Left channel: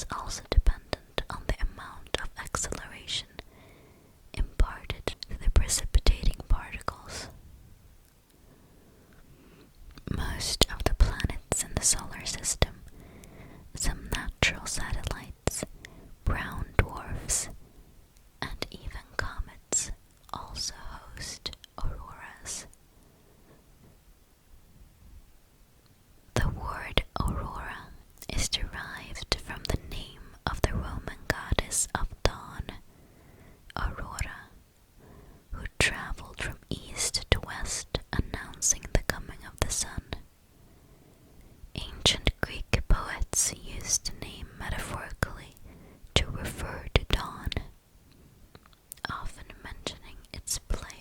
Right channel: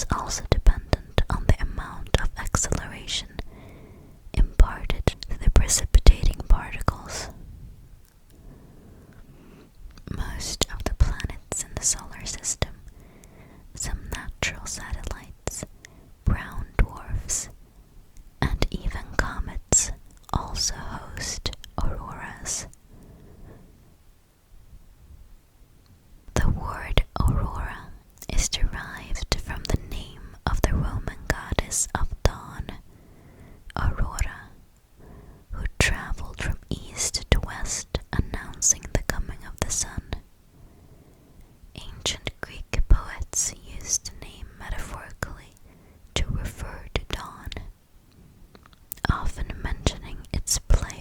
is also dependent on the amount of acceleration imparted to the precipitating particles. Most of the planets in the solar system, some natural satellites, brown dwarfs, and even comets also host auroras. The word Aurora is derived from the name of the Roman goddess of dawn, Aurora, who traveled from east to west announcing the coming of the sun. Ancient Greek poets used the name metaphorically to refer to dawn, often mentioning its play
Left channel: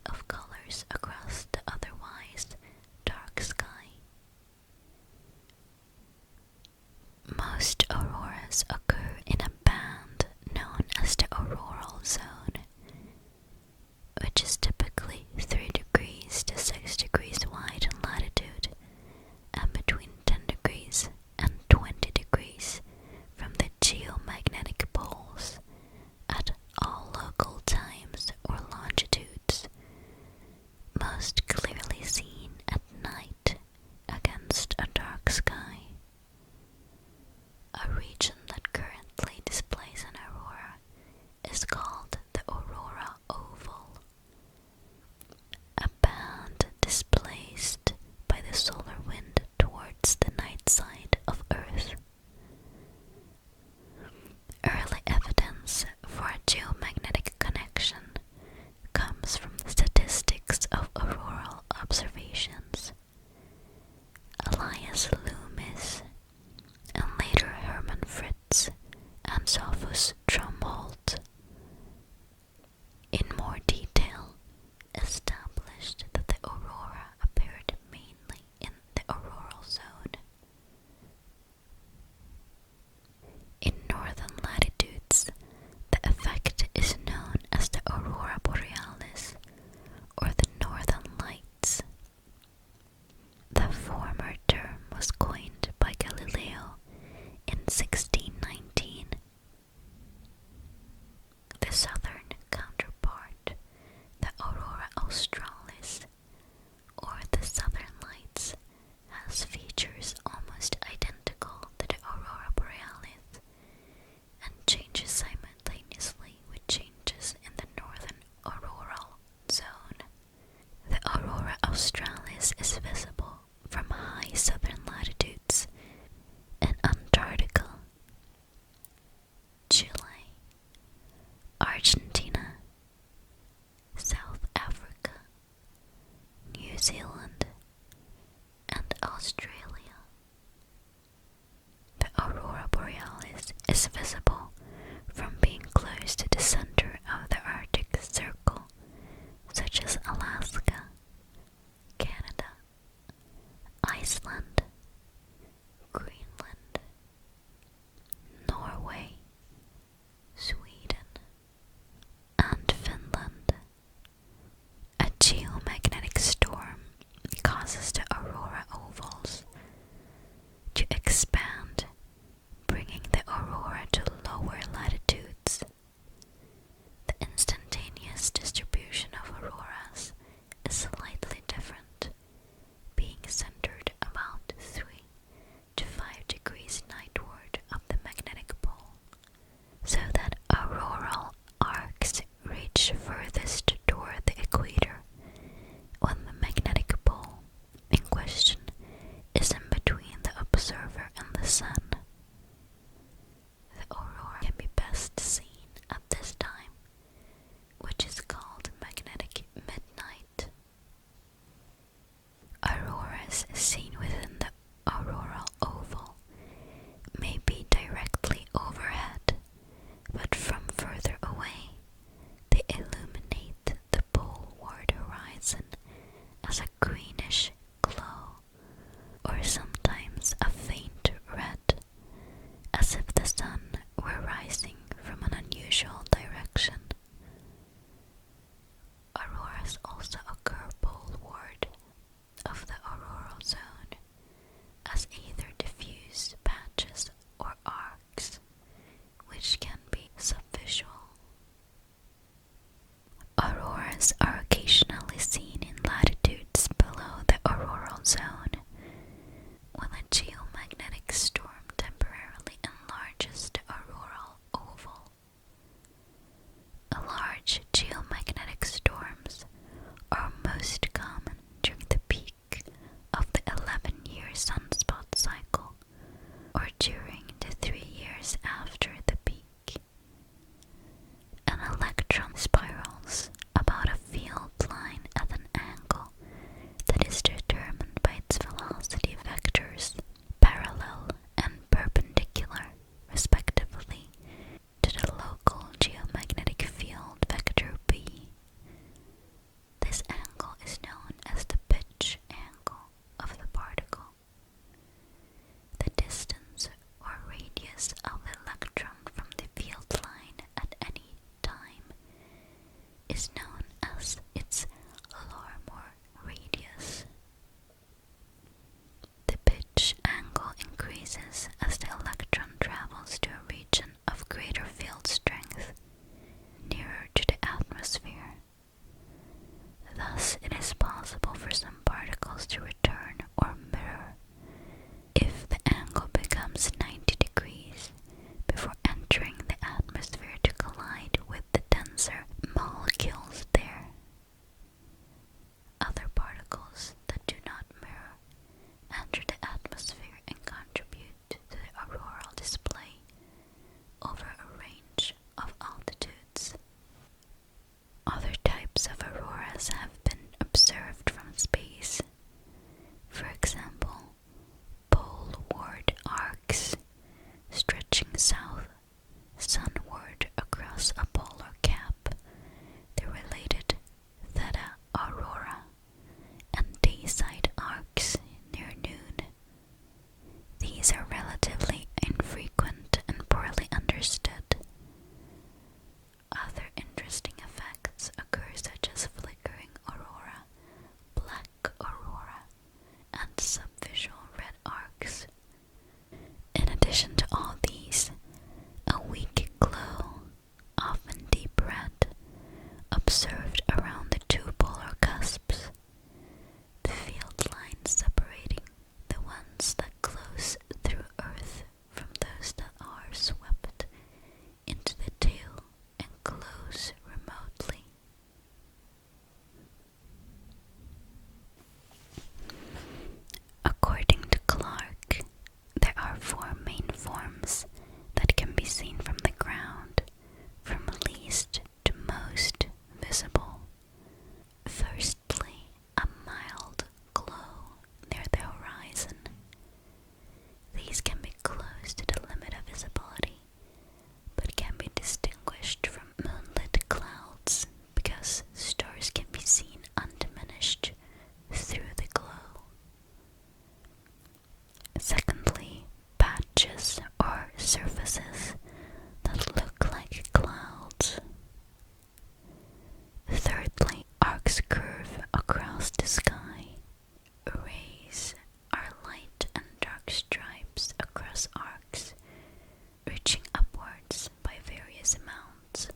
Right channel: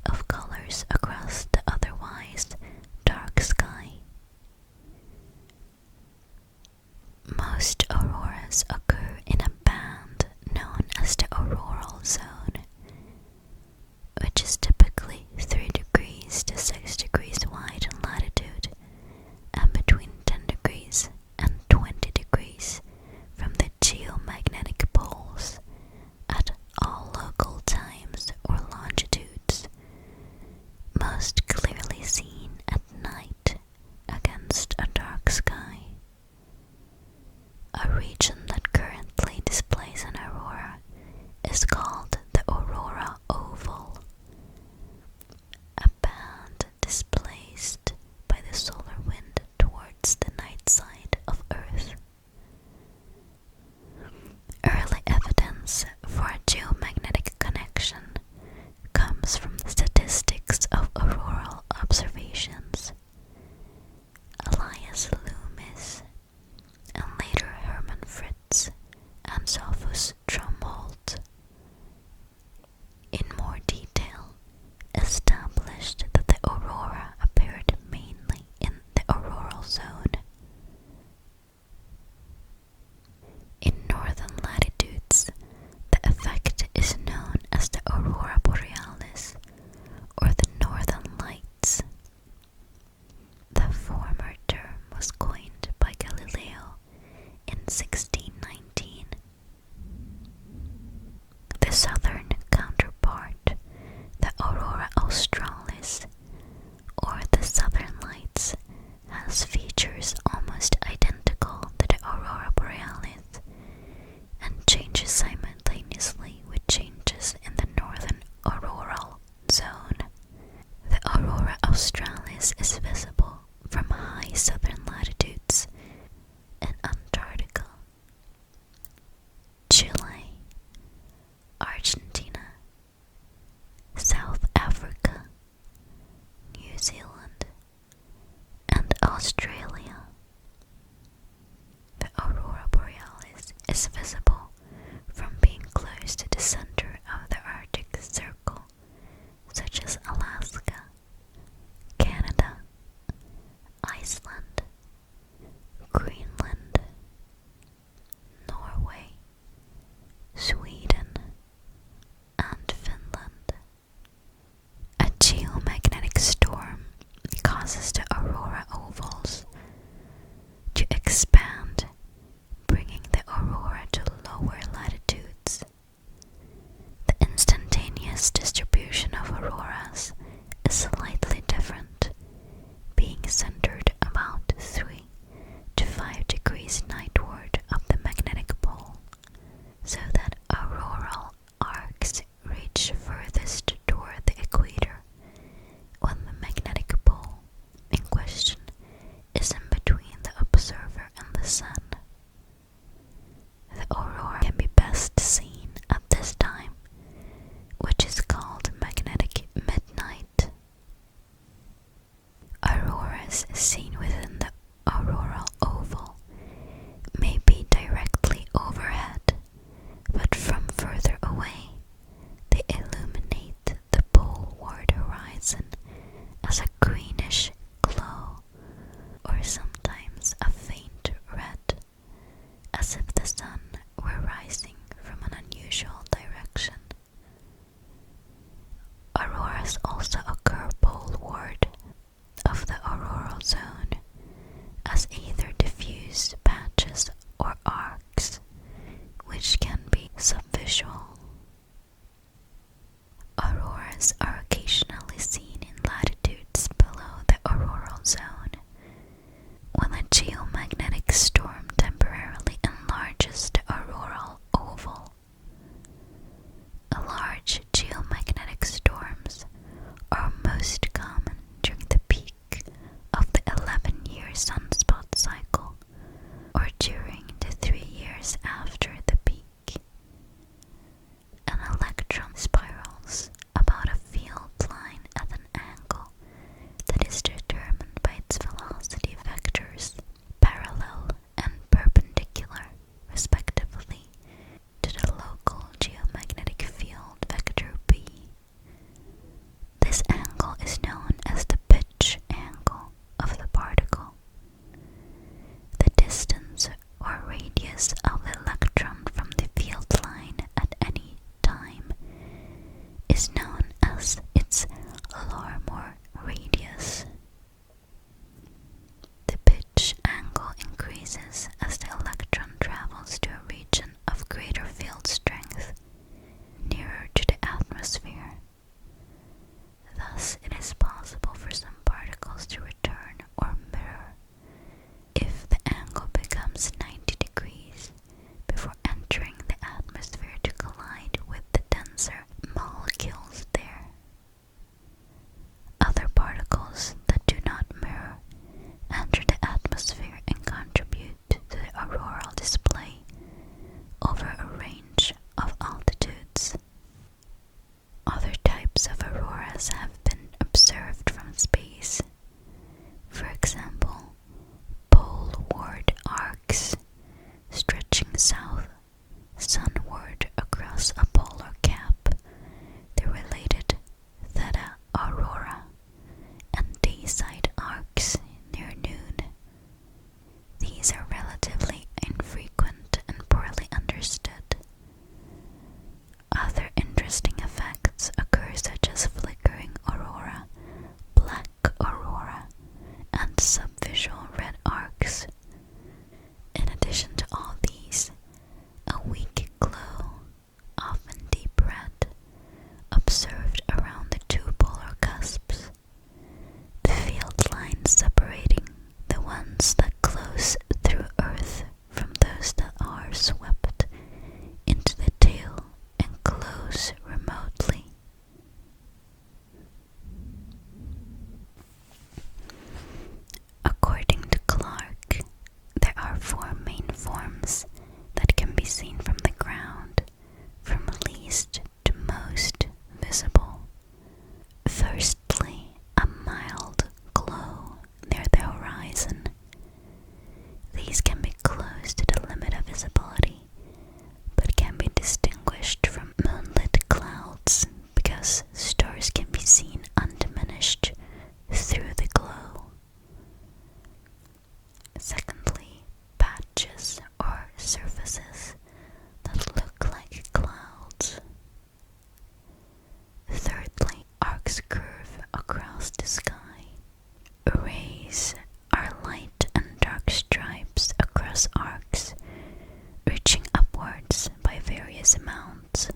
trace amounts.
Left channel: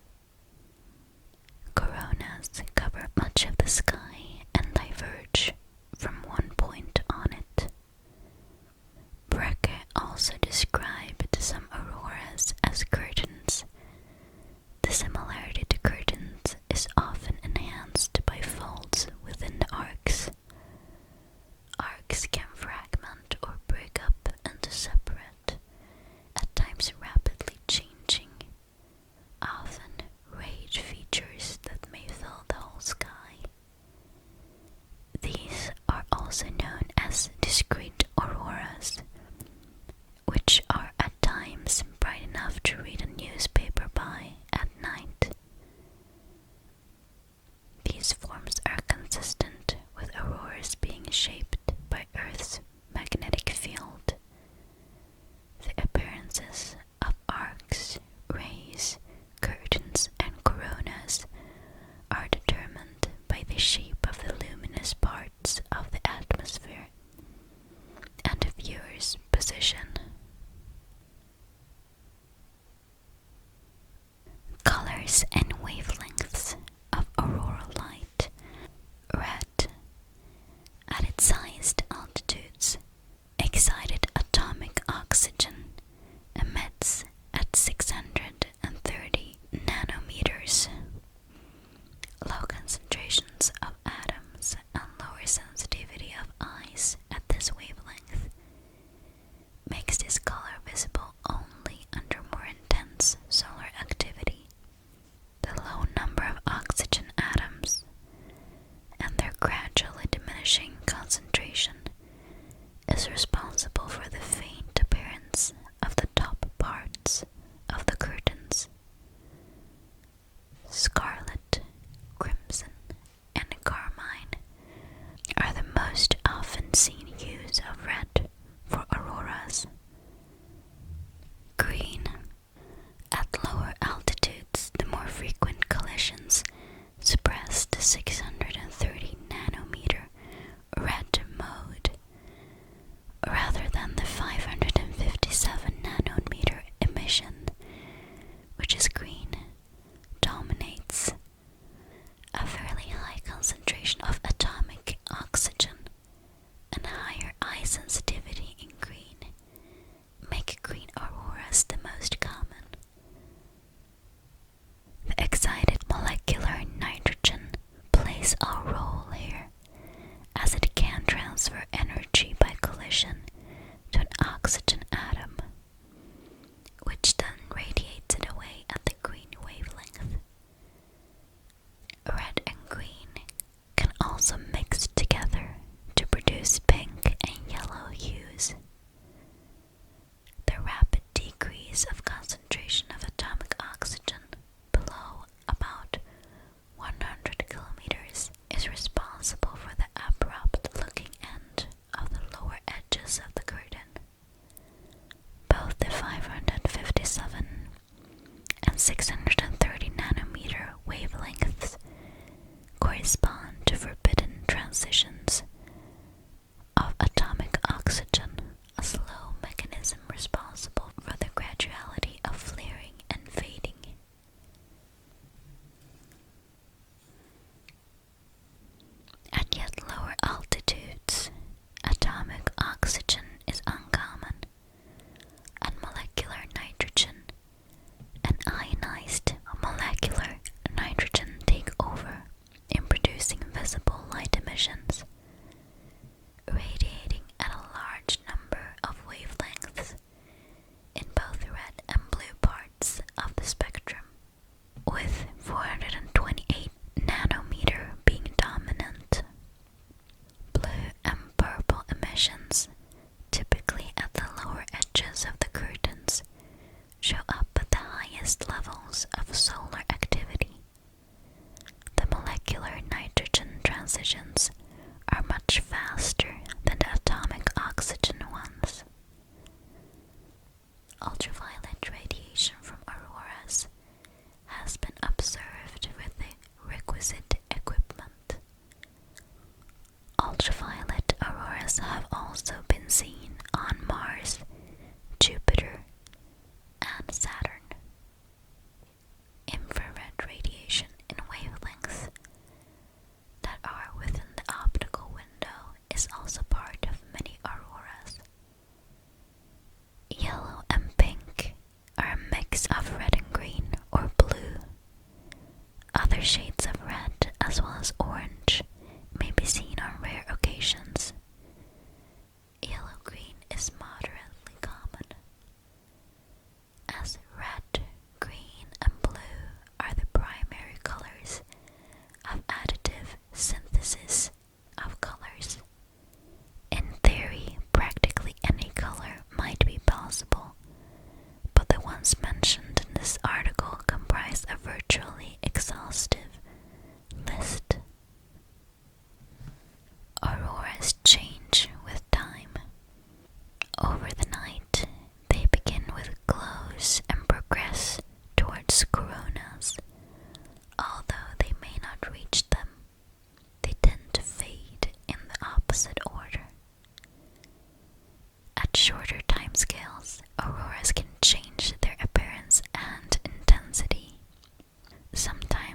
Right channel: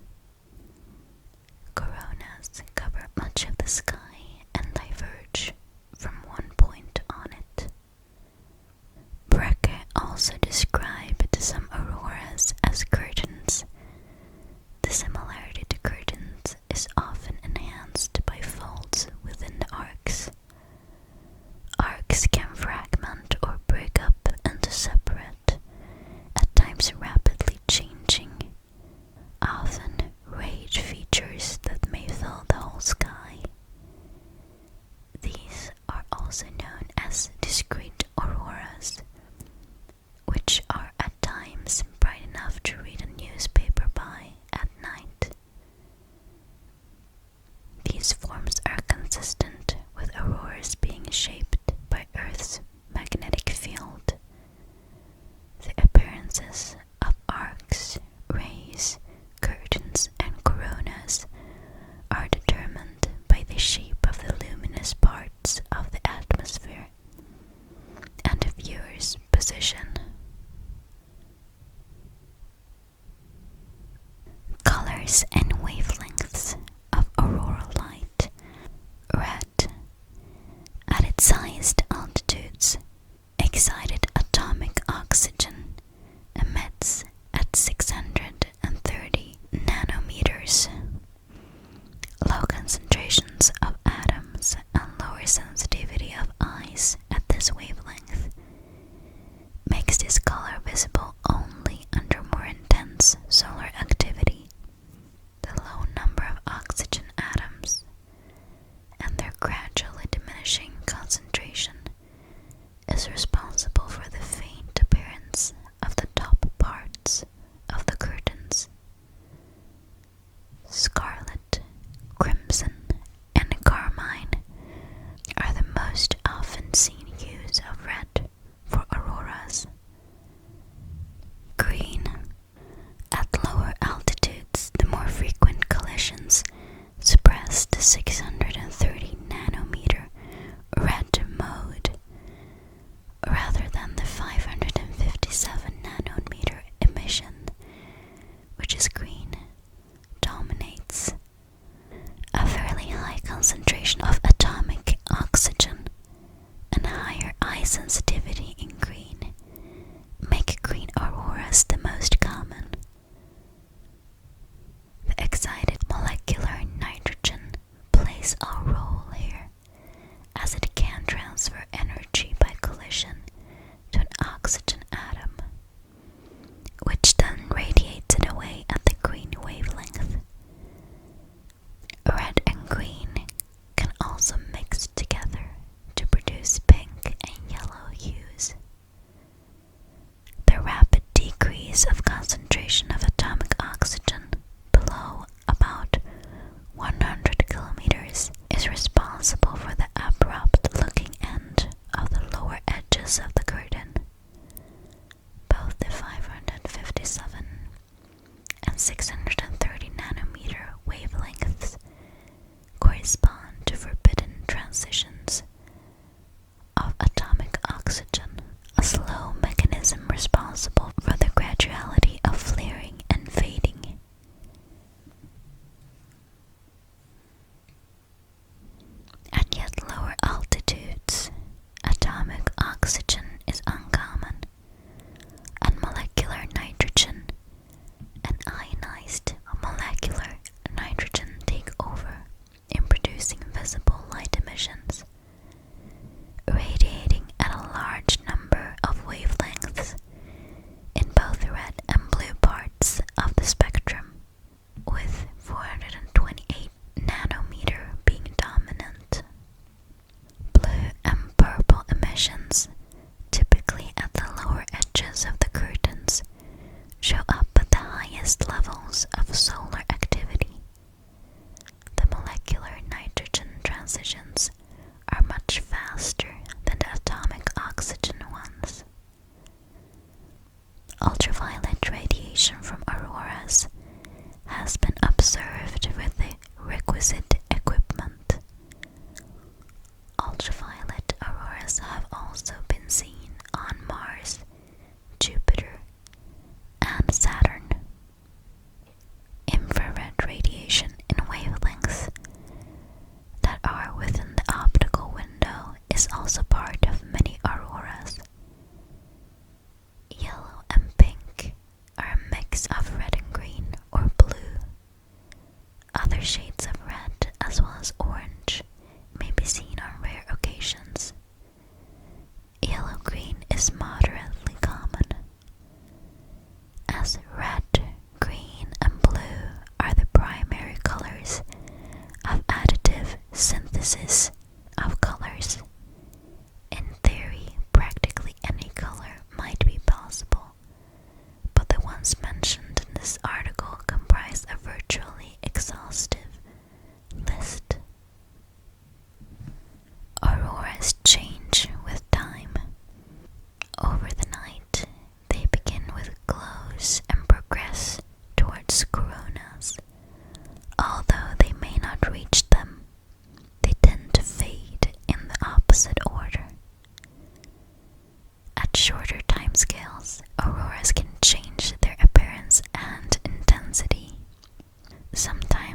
Coronas cover much of the sky and diverge from one point on it. Brekke also described some auroras as curtains. The similarity to curtains is often enhanced by folds within the arcs. Arcs can fragment or break up into separate, at times rapidly changing, often rayed features that may fill the whole sky. These are also known as discrete auroras, which are at times bright enough to read a newspaper by at night. These forms are consistent with auroras being shaped by Earth's magnetic field. The appearances of arcs, rays, curtains, and coronas are determined by the shape of the luminous parts of the atmosphere and the viewer's position. Colors and wavelengths of auroral light. Red, at its highest altitudes, excited atomic oxygen emits at 630 nanometers. Low concentrations of atoms and lower sensitivity of eyes at this wavelength makes this color visible only under more intense solar activity. The low number of oxygen atoms and their gradually diminishing concentration is responsible for the faint appearance of the top parts of the curtains. Scarlet, crimson, and carmine are the most often seen hues of red for auroras. Green. At lower altitudes, the more frequent collisions suppress the 630 nanometer red mode, rather than the 557 nanometer emission, which is green, dominates. A fairly high concentration of atomic oxygen and higher eye sensitivity in green make green auroras the most common. The excited molecular nitrogen plays a role here, as it can transfer energy by collision to an oxygen atom, which then radiates it away at the green wavelength. Red and green can also mix together to produce pink and yellow hues. The rapid decrease of concentration of atomic oxygen below about 100 kilometers is responsible for the abrupt-looking end of the lower edges of the curtain. Both the 557 and 630 nanometer wavelengths correspond to forbidden transitions of atomic oxygen, a slow mechanism responsible for the graduality of flaring and fading. At yet lower altitudes, atomic oxygen is uncommon, and molecular nitrogen and ionized molecular nitrogen take over in producing visible light emissions, radiating at a large number of wavelengths in both red and blue parts of the spectrum, with 428 nanometer being dominant. Blue and purple emissions, typically at the lower edges of the curtains, show up at the highest levels of solar activity. The molecular nitrogen transitions are much faster than the atomic oxygen ones. Ultraviolet radiation from auroras has been observed with the requisite equipment. Ultraviolet auroras have also been seen on Mars, Jupiter, and Saturn.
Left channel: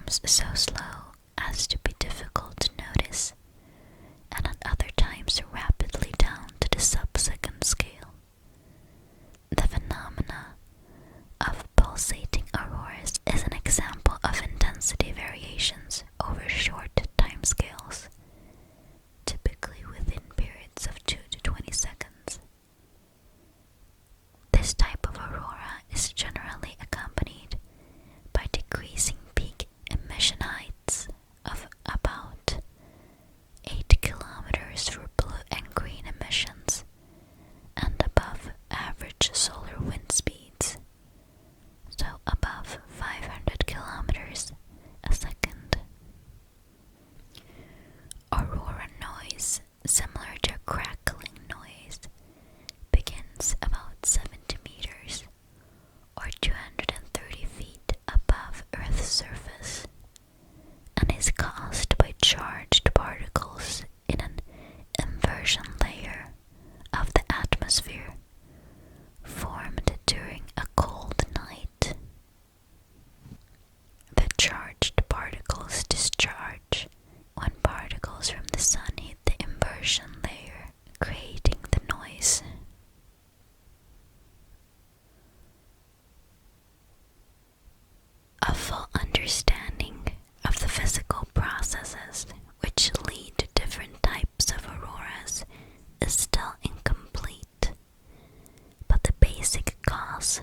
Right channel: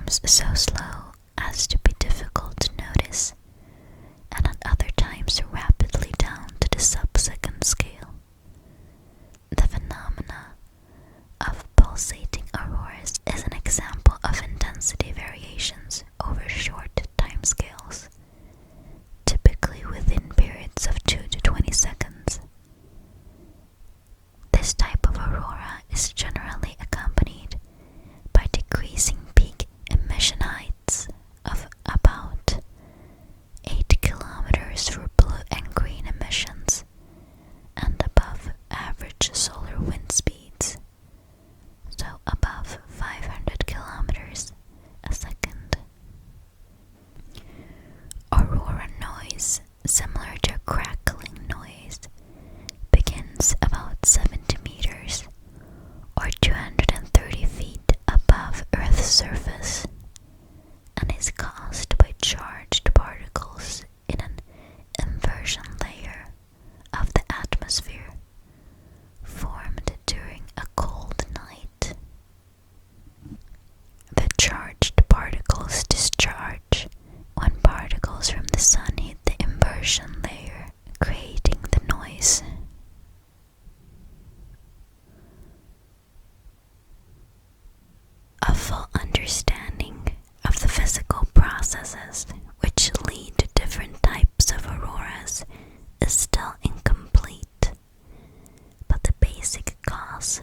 times so slow as to be difficult to notice, and at other times rapidly down to the sub-second scale. The phenomena of pulsating auroras is an example of intensity variations over short timescales, typically within periods of 2 to 20 seconds. This type of aurora is generally accompanied by decreasing peak emission heights of about 8 kilometers for blue and green emissions, and above average solar wind speeds, so above 500 kilometers a second. Aurora noise, similar to crackling noise, begins about 70 meters or 230 feet above Earth's surface and is caused by charged particles in an inversion layer of the atmosphere formed during a cold night. The charged particles discharge when particles from the sun hit the inversion layer, creating the noise. A full understanding of the physical processes which lead to different types of auroras is still incomplete, but the basic cause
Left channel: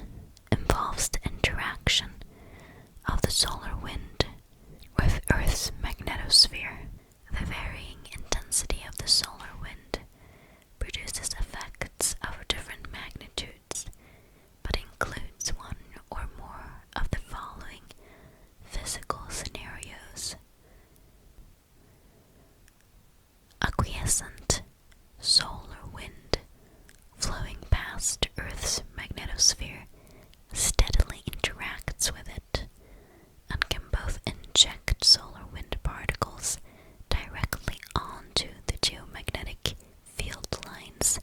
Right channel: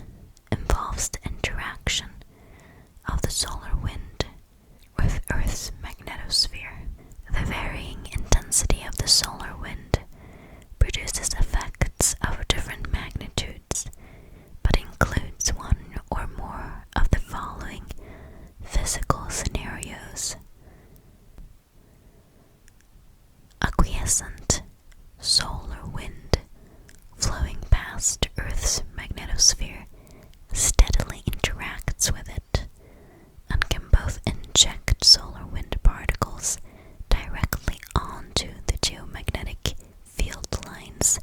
involves the interaction of the solar wind with Earth's magnetosphere. The varying intensity of the solar wind produces effects of different magnitudes, but includes one or more of the following physical scenarios. A quiescent solar wind flowing past Earth's magnetosphere steadily interacts with it and can both inject solar wind particles directly onto the geomagnetic field lines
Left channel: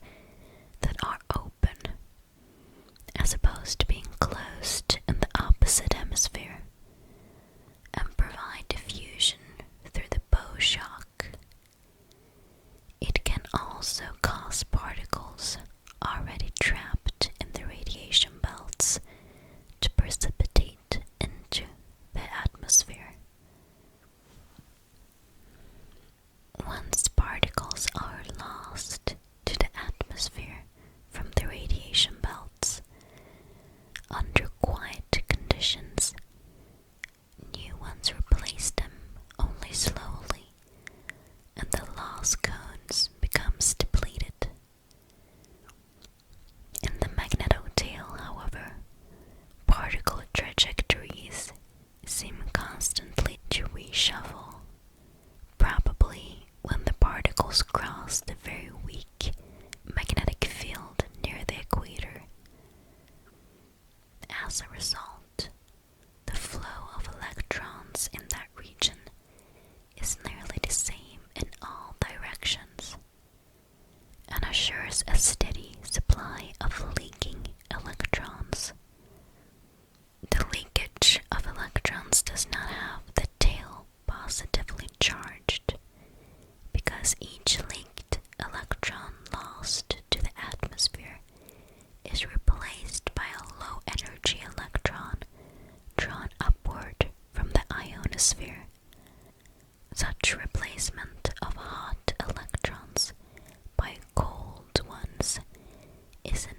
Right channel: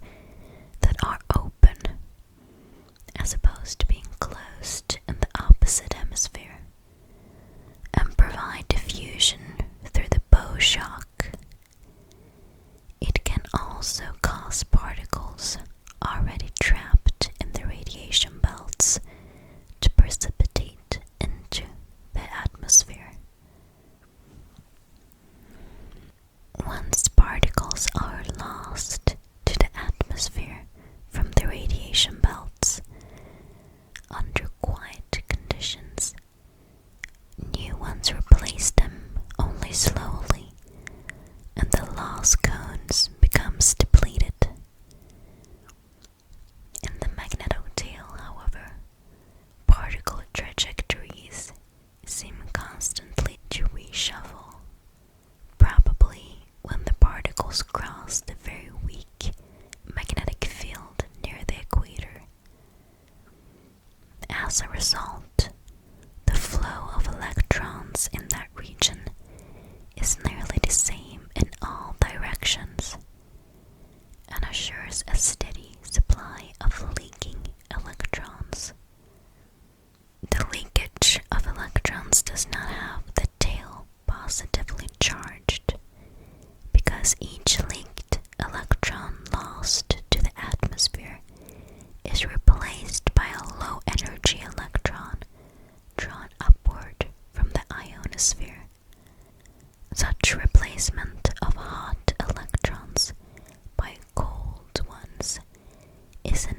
that are open, as opposed to being closed in the opposite hemisphere, and provide diffusion through the bow shock. It can also cause particles already trapped in the radiation belts to precipitate into the atmosphere. Once particles are lost to the atmosphere from the radiation belts, under quiet conditions, new ones replace them only slowly, and the lost cones becomes depleted. In the magnetotail, however, particle trajectories seem constantly to reshuffle, probably when the particles cross the very weak magnetic field near the equator. As a result, the flow of electrons in that region is nearly the same in all directions and assures a steady supply of leaking electrons. The leakage of electrons does not have the tail positively charged, because each leaked electron lost to the atmosphere is replaced by a low-energy electron drawn upward from the ionosphere. Such replacement of hot electrons by cold ones is in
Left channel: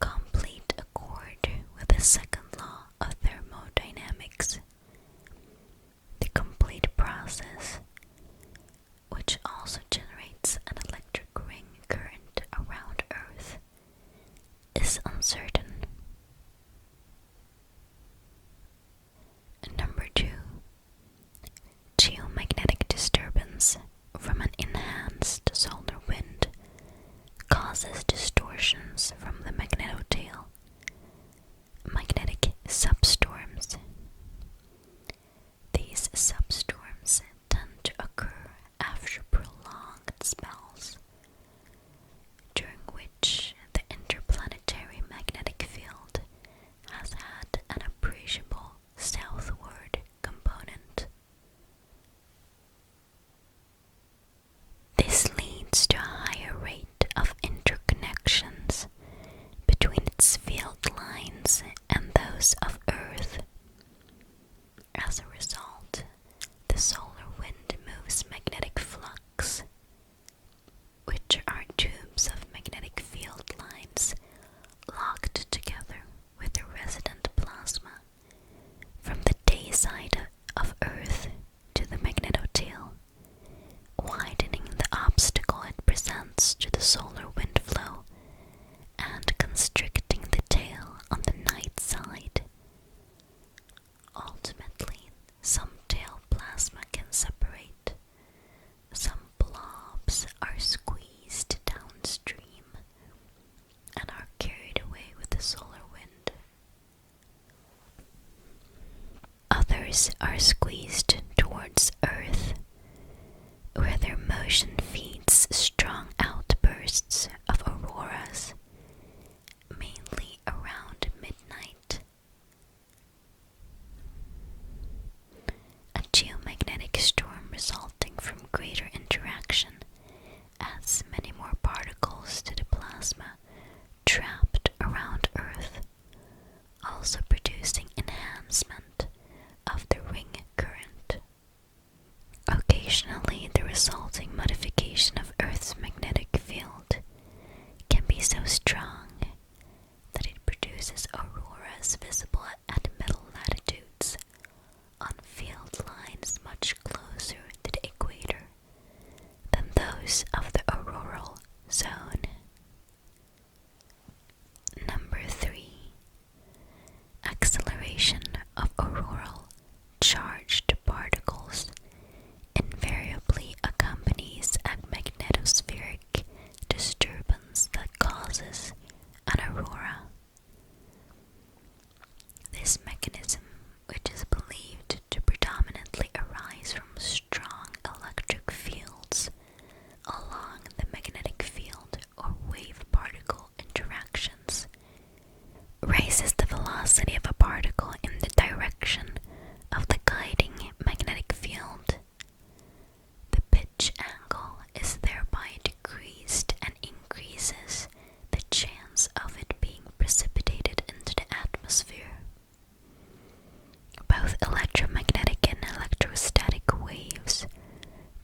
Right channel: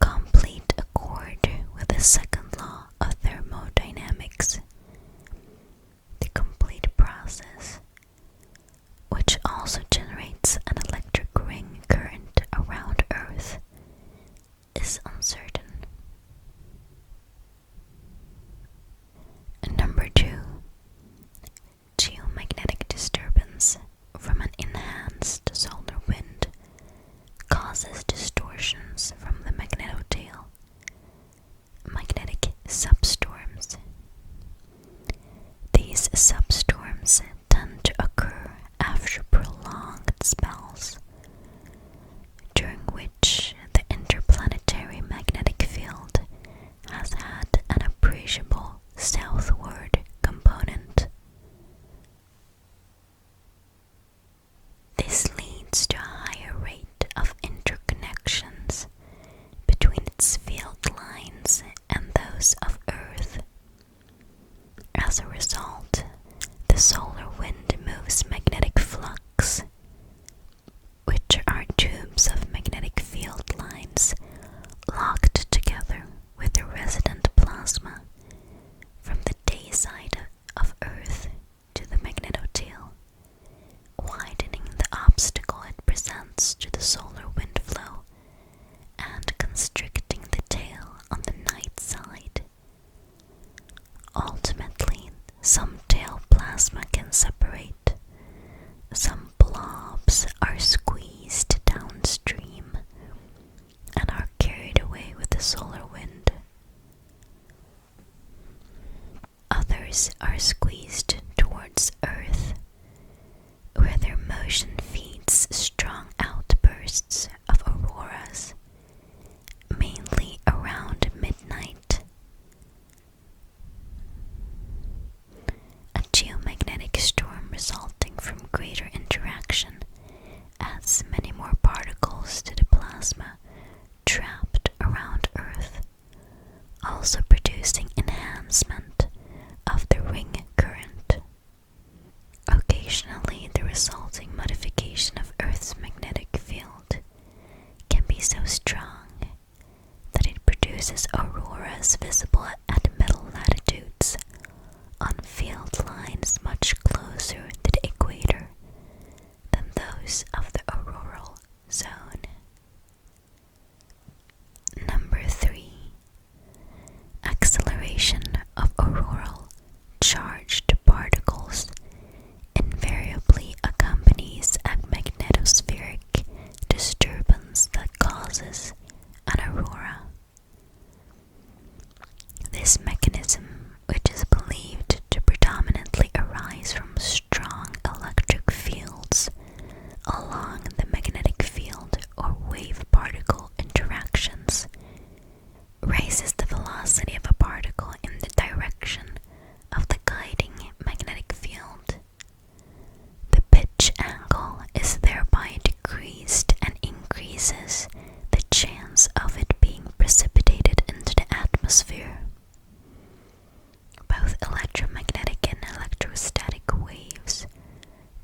complete accord with the second law of thermodynamics. The complete process, which also generates an electric ring current around Earth, is uncertain. Number 2. Geomagnetic disturbance from an enhanced solar wind causes distortions from the magnetotail. Magnetic substorms. These substorms tend to occur after prolonged spells, during which the interplanetary magnetic field has had an appreciable southward component. side of Earth to the magnetotail, widening the obstacle it presents to the solar wind flow and constricting the tail on the night side. Ultimately, some tail plasma can separate, some blobs are squeezed downstream and are carried away with the solar wind. Others are squeezed towards Earth, where their motion feeds strong outbursts of auroras, mainly around midnight. A geomagnetic storm resulting from greater interaction adds many more particles to the plasma trapped around Earth, also producing enhancement of the ring current. Occasionally, the resulting modification of Earth's magnetic field can be so strong that it produces auroras visible at middle latitudes on field lines much closer to the equator than those of the auroral zone. Number 3. Acceleration of auroral charged particles invariably accompanies a magnetospheric disturbance that causes an aurora. This mechanism, which is believed to predominantly arise from strong electric fields along the magnetic field or wave-particle interactions, raises the velocity of a particle in the direction of the guiding magnetic field. The pitch angle is thereby decreased and increases the chance of it being precipitated into the atmosphere. Both electromagnetic and electrostatic waves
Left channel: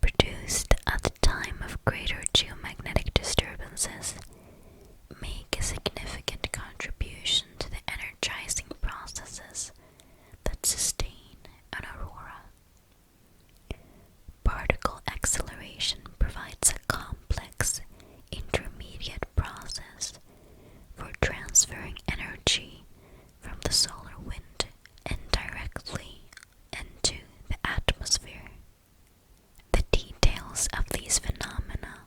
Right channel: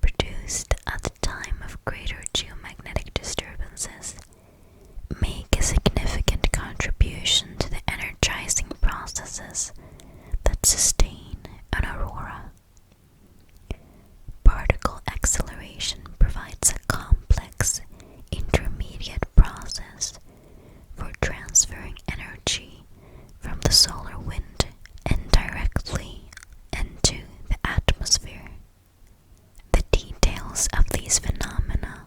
produced at the time of greater geomagnetic disturbances make a significant contribution to the energizing processes that sustain an aurora. Particle acceleration provides a complex intermediate process for transferring energy from the solar wind indirectly into the atmosphere. The details of these phenomena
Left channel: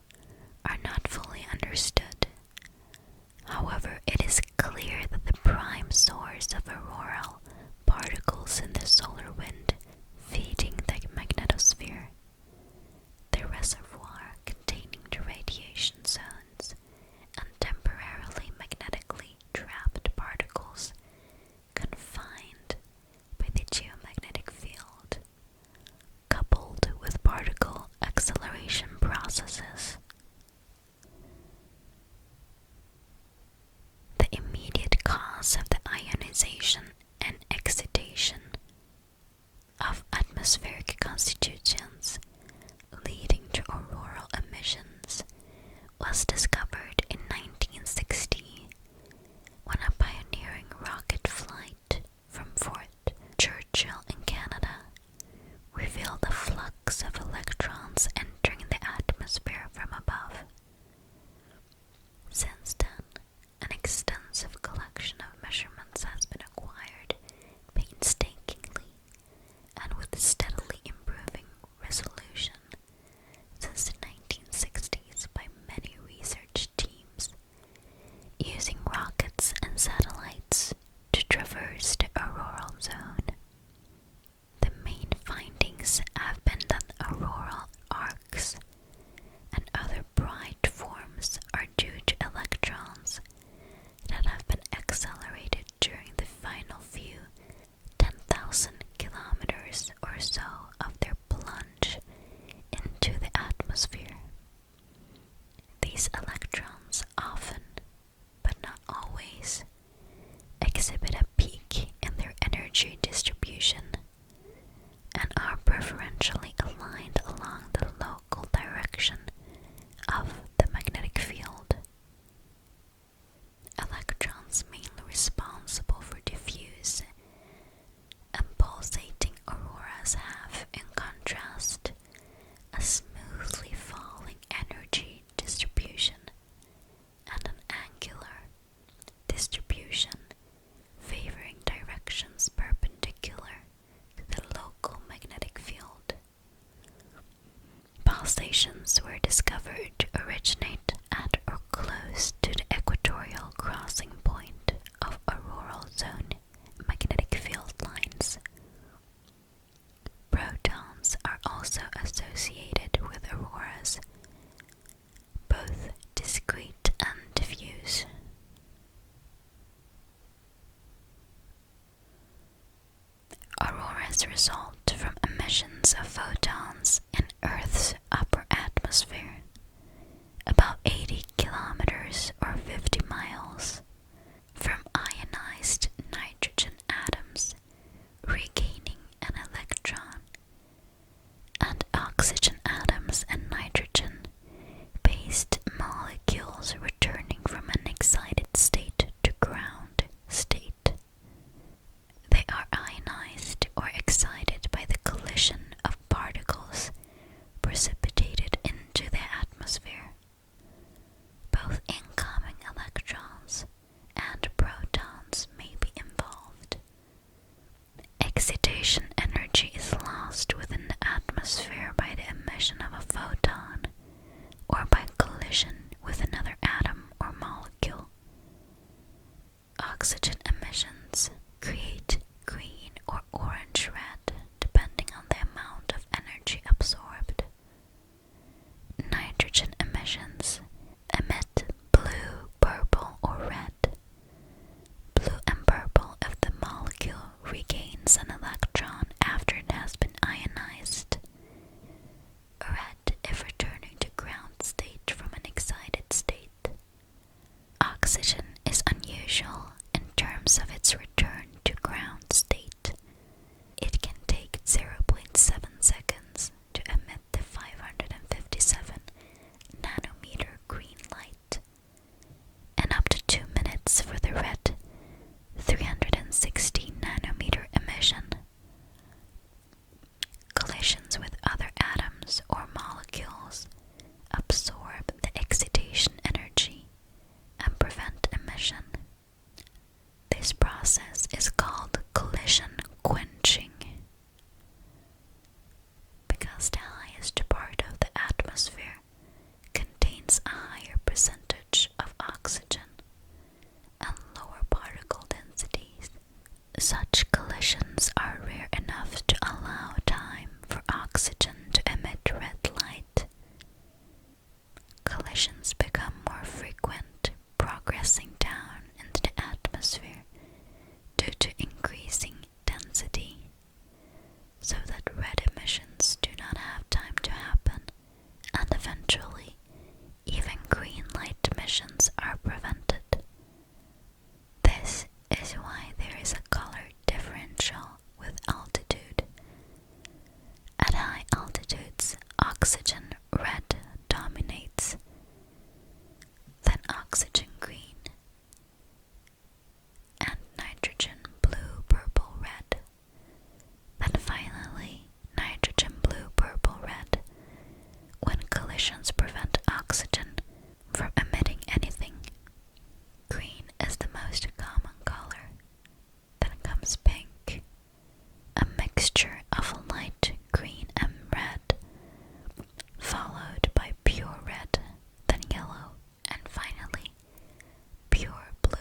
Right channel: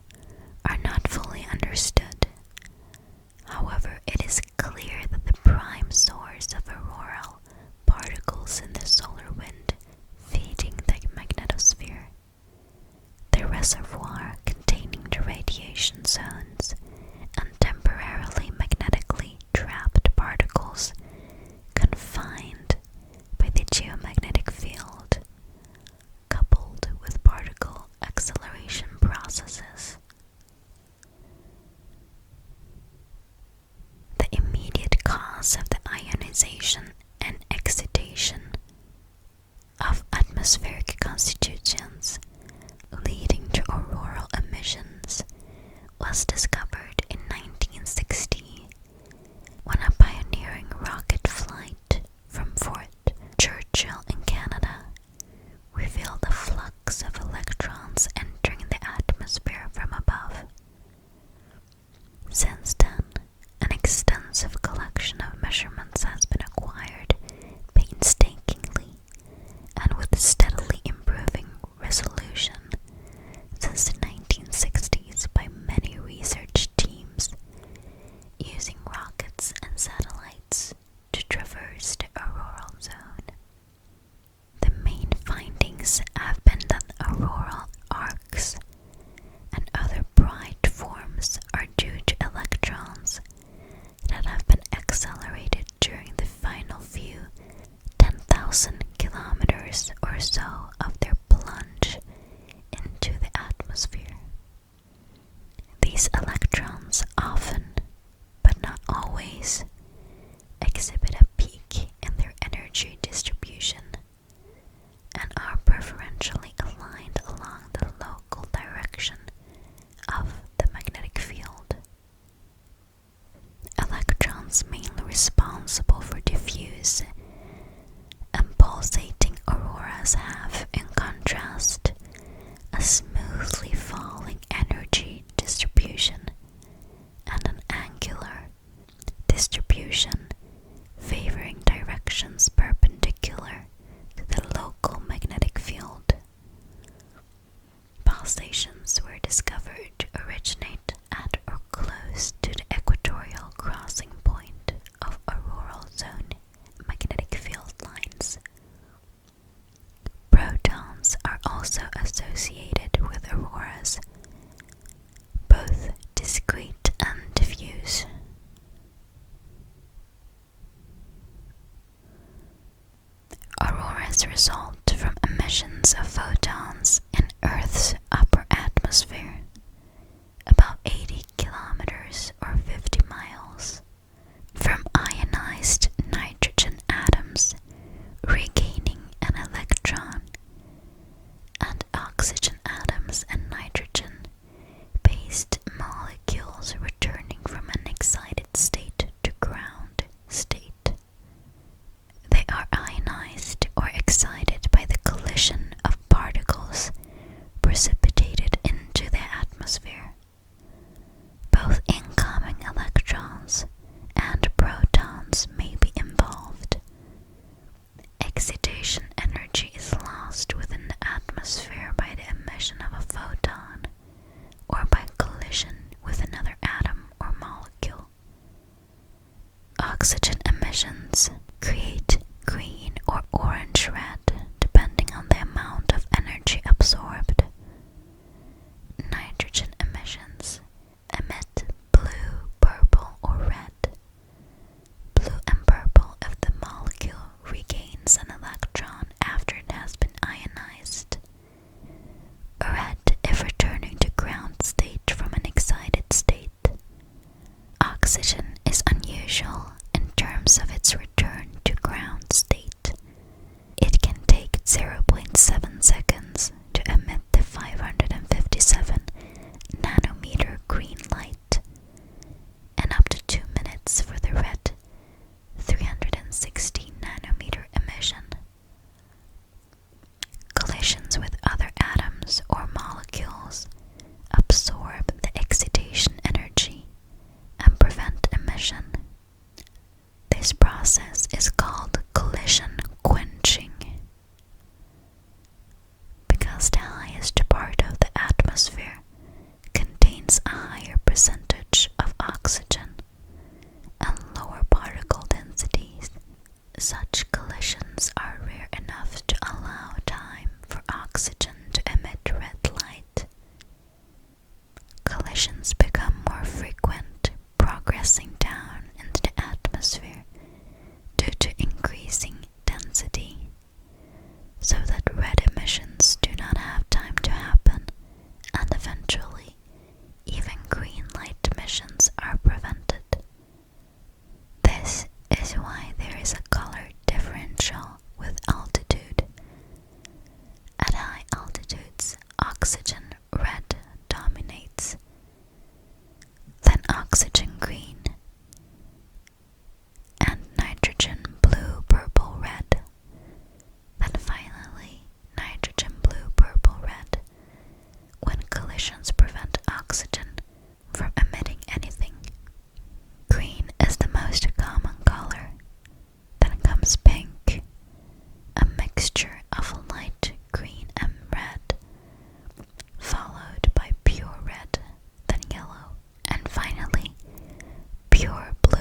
are not fully understood. However, it is clear that the prime source of auroral particles in the solar wind feeding the magnetosphere, the reservoir containing the radiation zones and temporarily magnetically trapped particles confined by the geomagnetic field, coupled with particle acceleration processes. The immediate cause of the ionization and excitation of atmospheric constituents leading to auroral emissions was discovered in 1960 when a pioneering rocket flight from Fort Churchill in Canada revealed a flux of electrons entering the atmosphere from above. Since then, an extensive collection of measurements has been acquired painstakingly and with steadily improving resolution since the 1960s by many research teams using rockets and satellites to traverse the auroral zone. The main findings have been that auroral arcs and other bright forms are due to electrons that have been accelerated during the final few 10,000 kilometers or so of their plunge into the atmosphere. These electrons often, but not always, exhibit a peak in their energy distribution and are preferentially aligned along the local direction of the magnetic field. Electrons mainly responsible for diffuse and pulsating Electrons result from emissions of photons in Earth's upper atmosphere, about 80 kilometers or 50 miles, from ionized nitrogen atoms regaining an electron, and oxygen atoms and nitrogen-based molecules returning from an excited state to ground state. They are ionized or excited by the collision of particles precipitated into the atmosphere. Both incoming electrons and protons may be involved. Excitation energy is lost within the atmosphere by the emission of a photon or by collision with another atom or molecule. Oxygen emissions create green or orange-red depending on the amount of energy absorbed. Nitrogen emissions emit blue, purple, or red. Blue and purple if the molecule regains an electron after it has been ionized. Red if returning to ground state from an excited state. Oxygen is unusual in terms of its return to ground state. It can take 0.7 seconds to emit the 557 nanometer green light, and up to 2 minutes for the red 360 nanometer emission. Collisions with other atoms or molecules absorb the excitation energy and prevent emission. This process is called collision quenching. Because the highest part of the atmosphere contains a higher percentage of oxygen and lower particle densities, such collisions are rare enough to allow time for oxygen to emit red light. Collisions become more frequent, progressing down into the atmosphere due to increasing density, so that red emissions do not have time to happen, and eventually even green light emissions are prevented. This is why there is a color differential with altitude. At high altitudes, oxygen red dominates, then oxygen green, and nitrogen blue, purple, red, then finally nitrogen blue, purple, red, when collisions prevent oxygen from emitting anything. Green is the most common color. Then comes pink, a mixture of light green and red, followed by pure red, then yellow, and finally pure blue.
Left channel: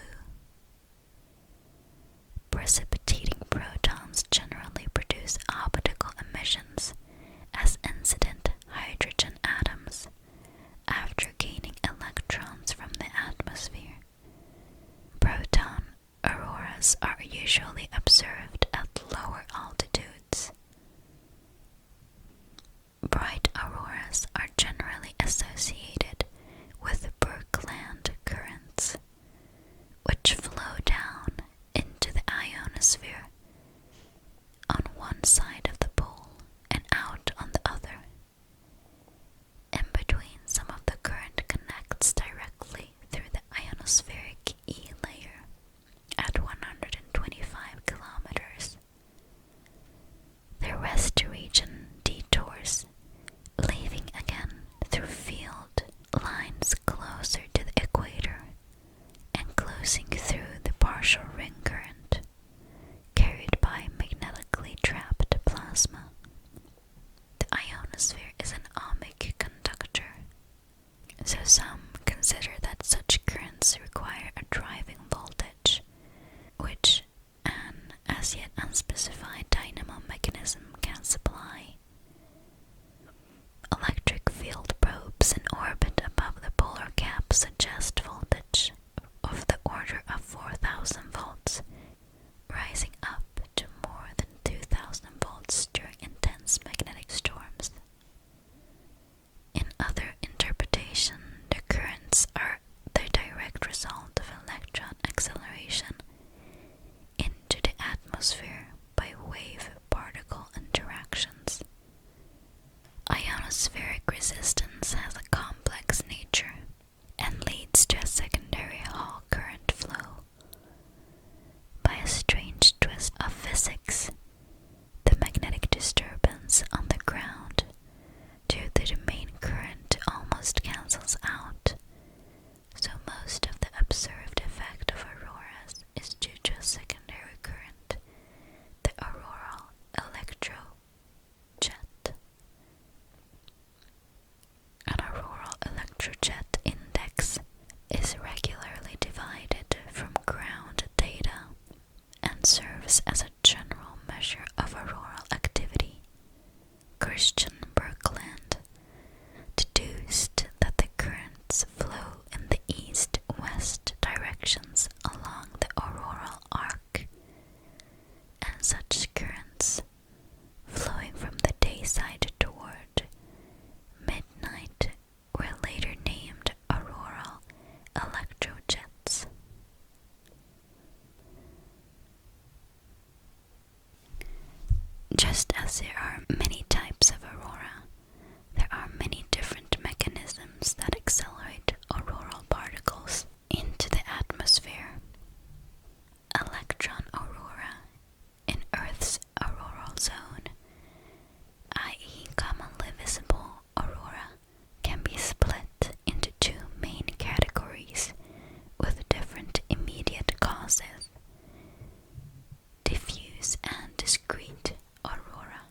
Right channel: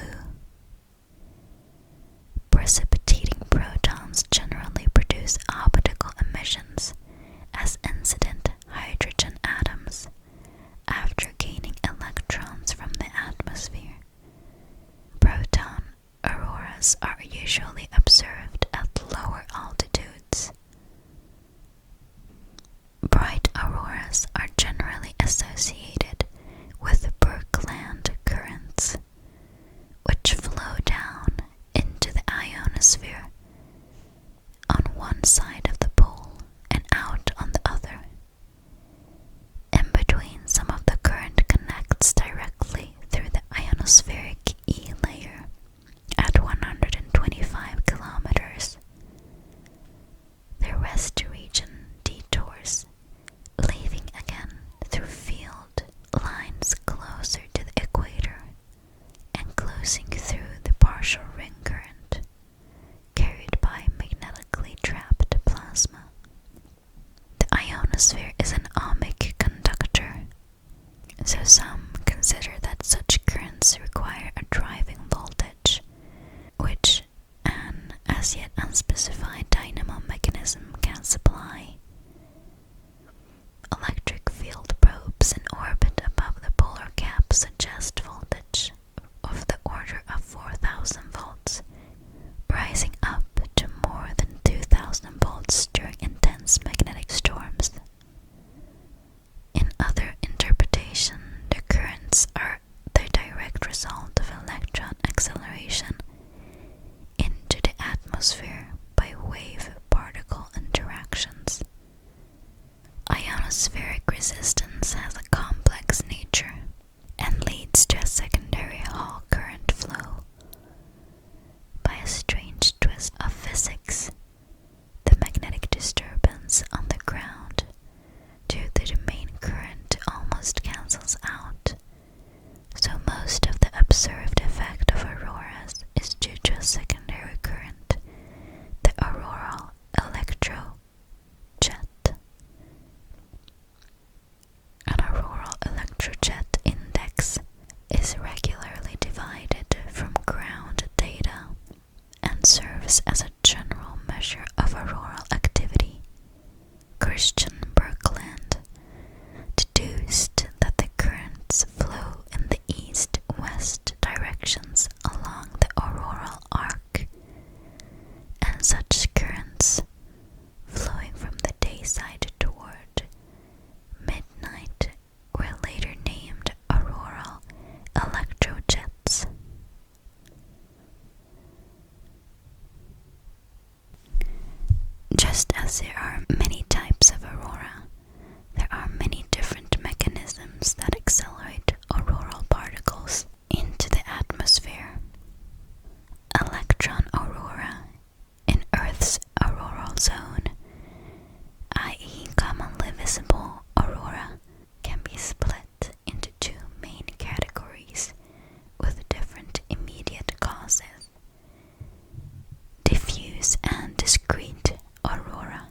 Precipitating protons generally produce optical emissions as incident hydrogen atoms after gaining electrons from the atmosphere. Proton auroras are usually observed at lower altitudes. Bright auroras are generally associated with Birkeland currents, which flow down into the ionosphere on one side of the pole and out on the other. In between, some of the current connects directly through the ionospheric E layer at 125 kilometers. The rest region detours, leaving again through field lines closer to the equator and closing through the partial ring current carried by magnetically trapped plasma. The ionosphere is an ohmic conductor, so some consider that such currents require a driving voltage, which an as yet unspecified dynamo mechanism can supply. Electric field probes in orbit above the polar cap suggest voltage of the order of 4,000 volts, rising up to more than 2,000 volts Christian Berkland deduced that the currents flow in the east-west directions along the auroral arc, and such currents flowing from the day side toward midnight were later named auroral electrojets. Just as there are many types of aurora, there are many different mechanisms that accelerate auroral particles into the atmosphere. Electron aurora in Earth's auroral zone, i.e. commonly visible aurora, can be split into two main categories with different immediate causes: diffuse and discrete aurora.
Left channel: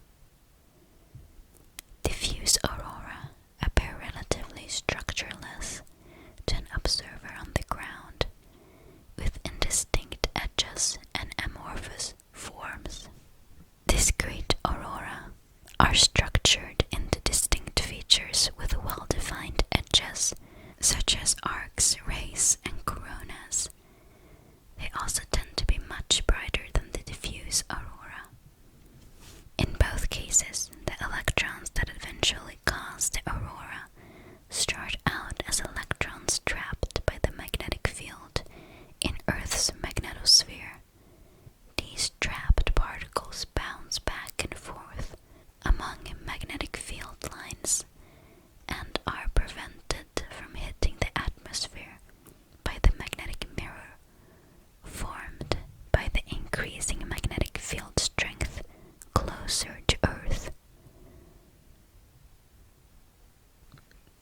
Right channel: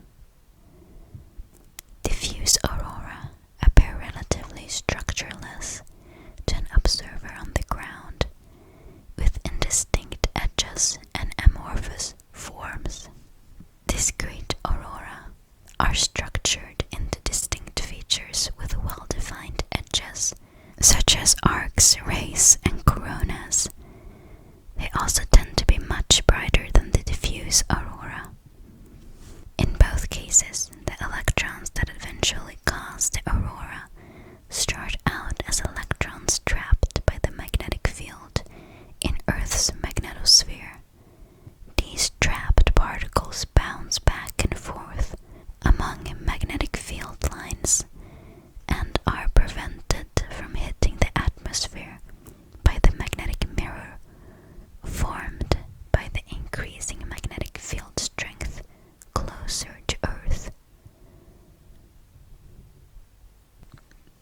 Diffuse aurora appear relatively structureless to an observer on the ground, with indistinct edges and amorphous forms. Discrete aurora are structured into distinct features with well-defined edges, such as arcs, rays, and coronas. They also tend to be much brighter than the diffuse aurora. In both cases, the electrons that eventually cause the aurora start out as electrons trapped by the magnetic field in Earth's magnetosphere. These trapped particles bounce back and forth among magnetic field lines and are prevented from hitting the atmosphere by the magnetic mirror formed by the increasing magnetic field strength closer to Earth.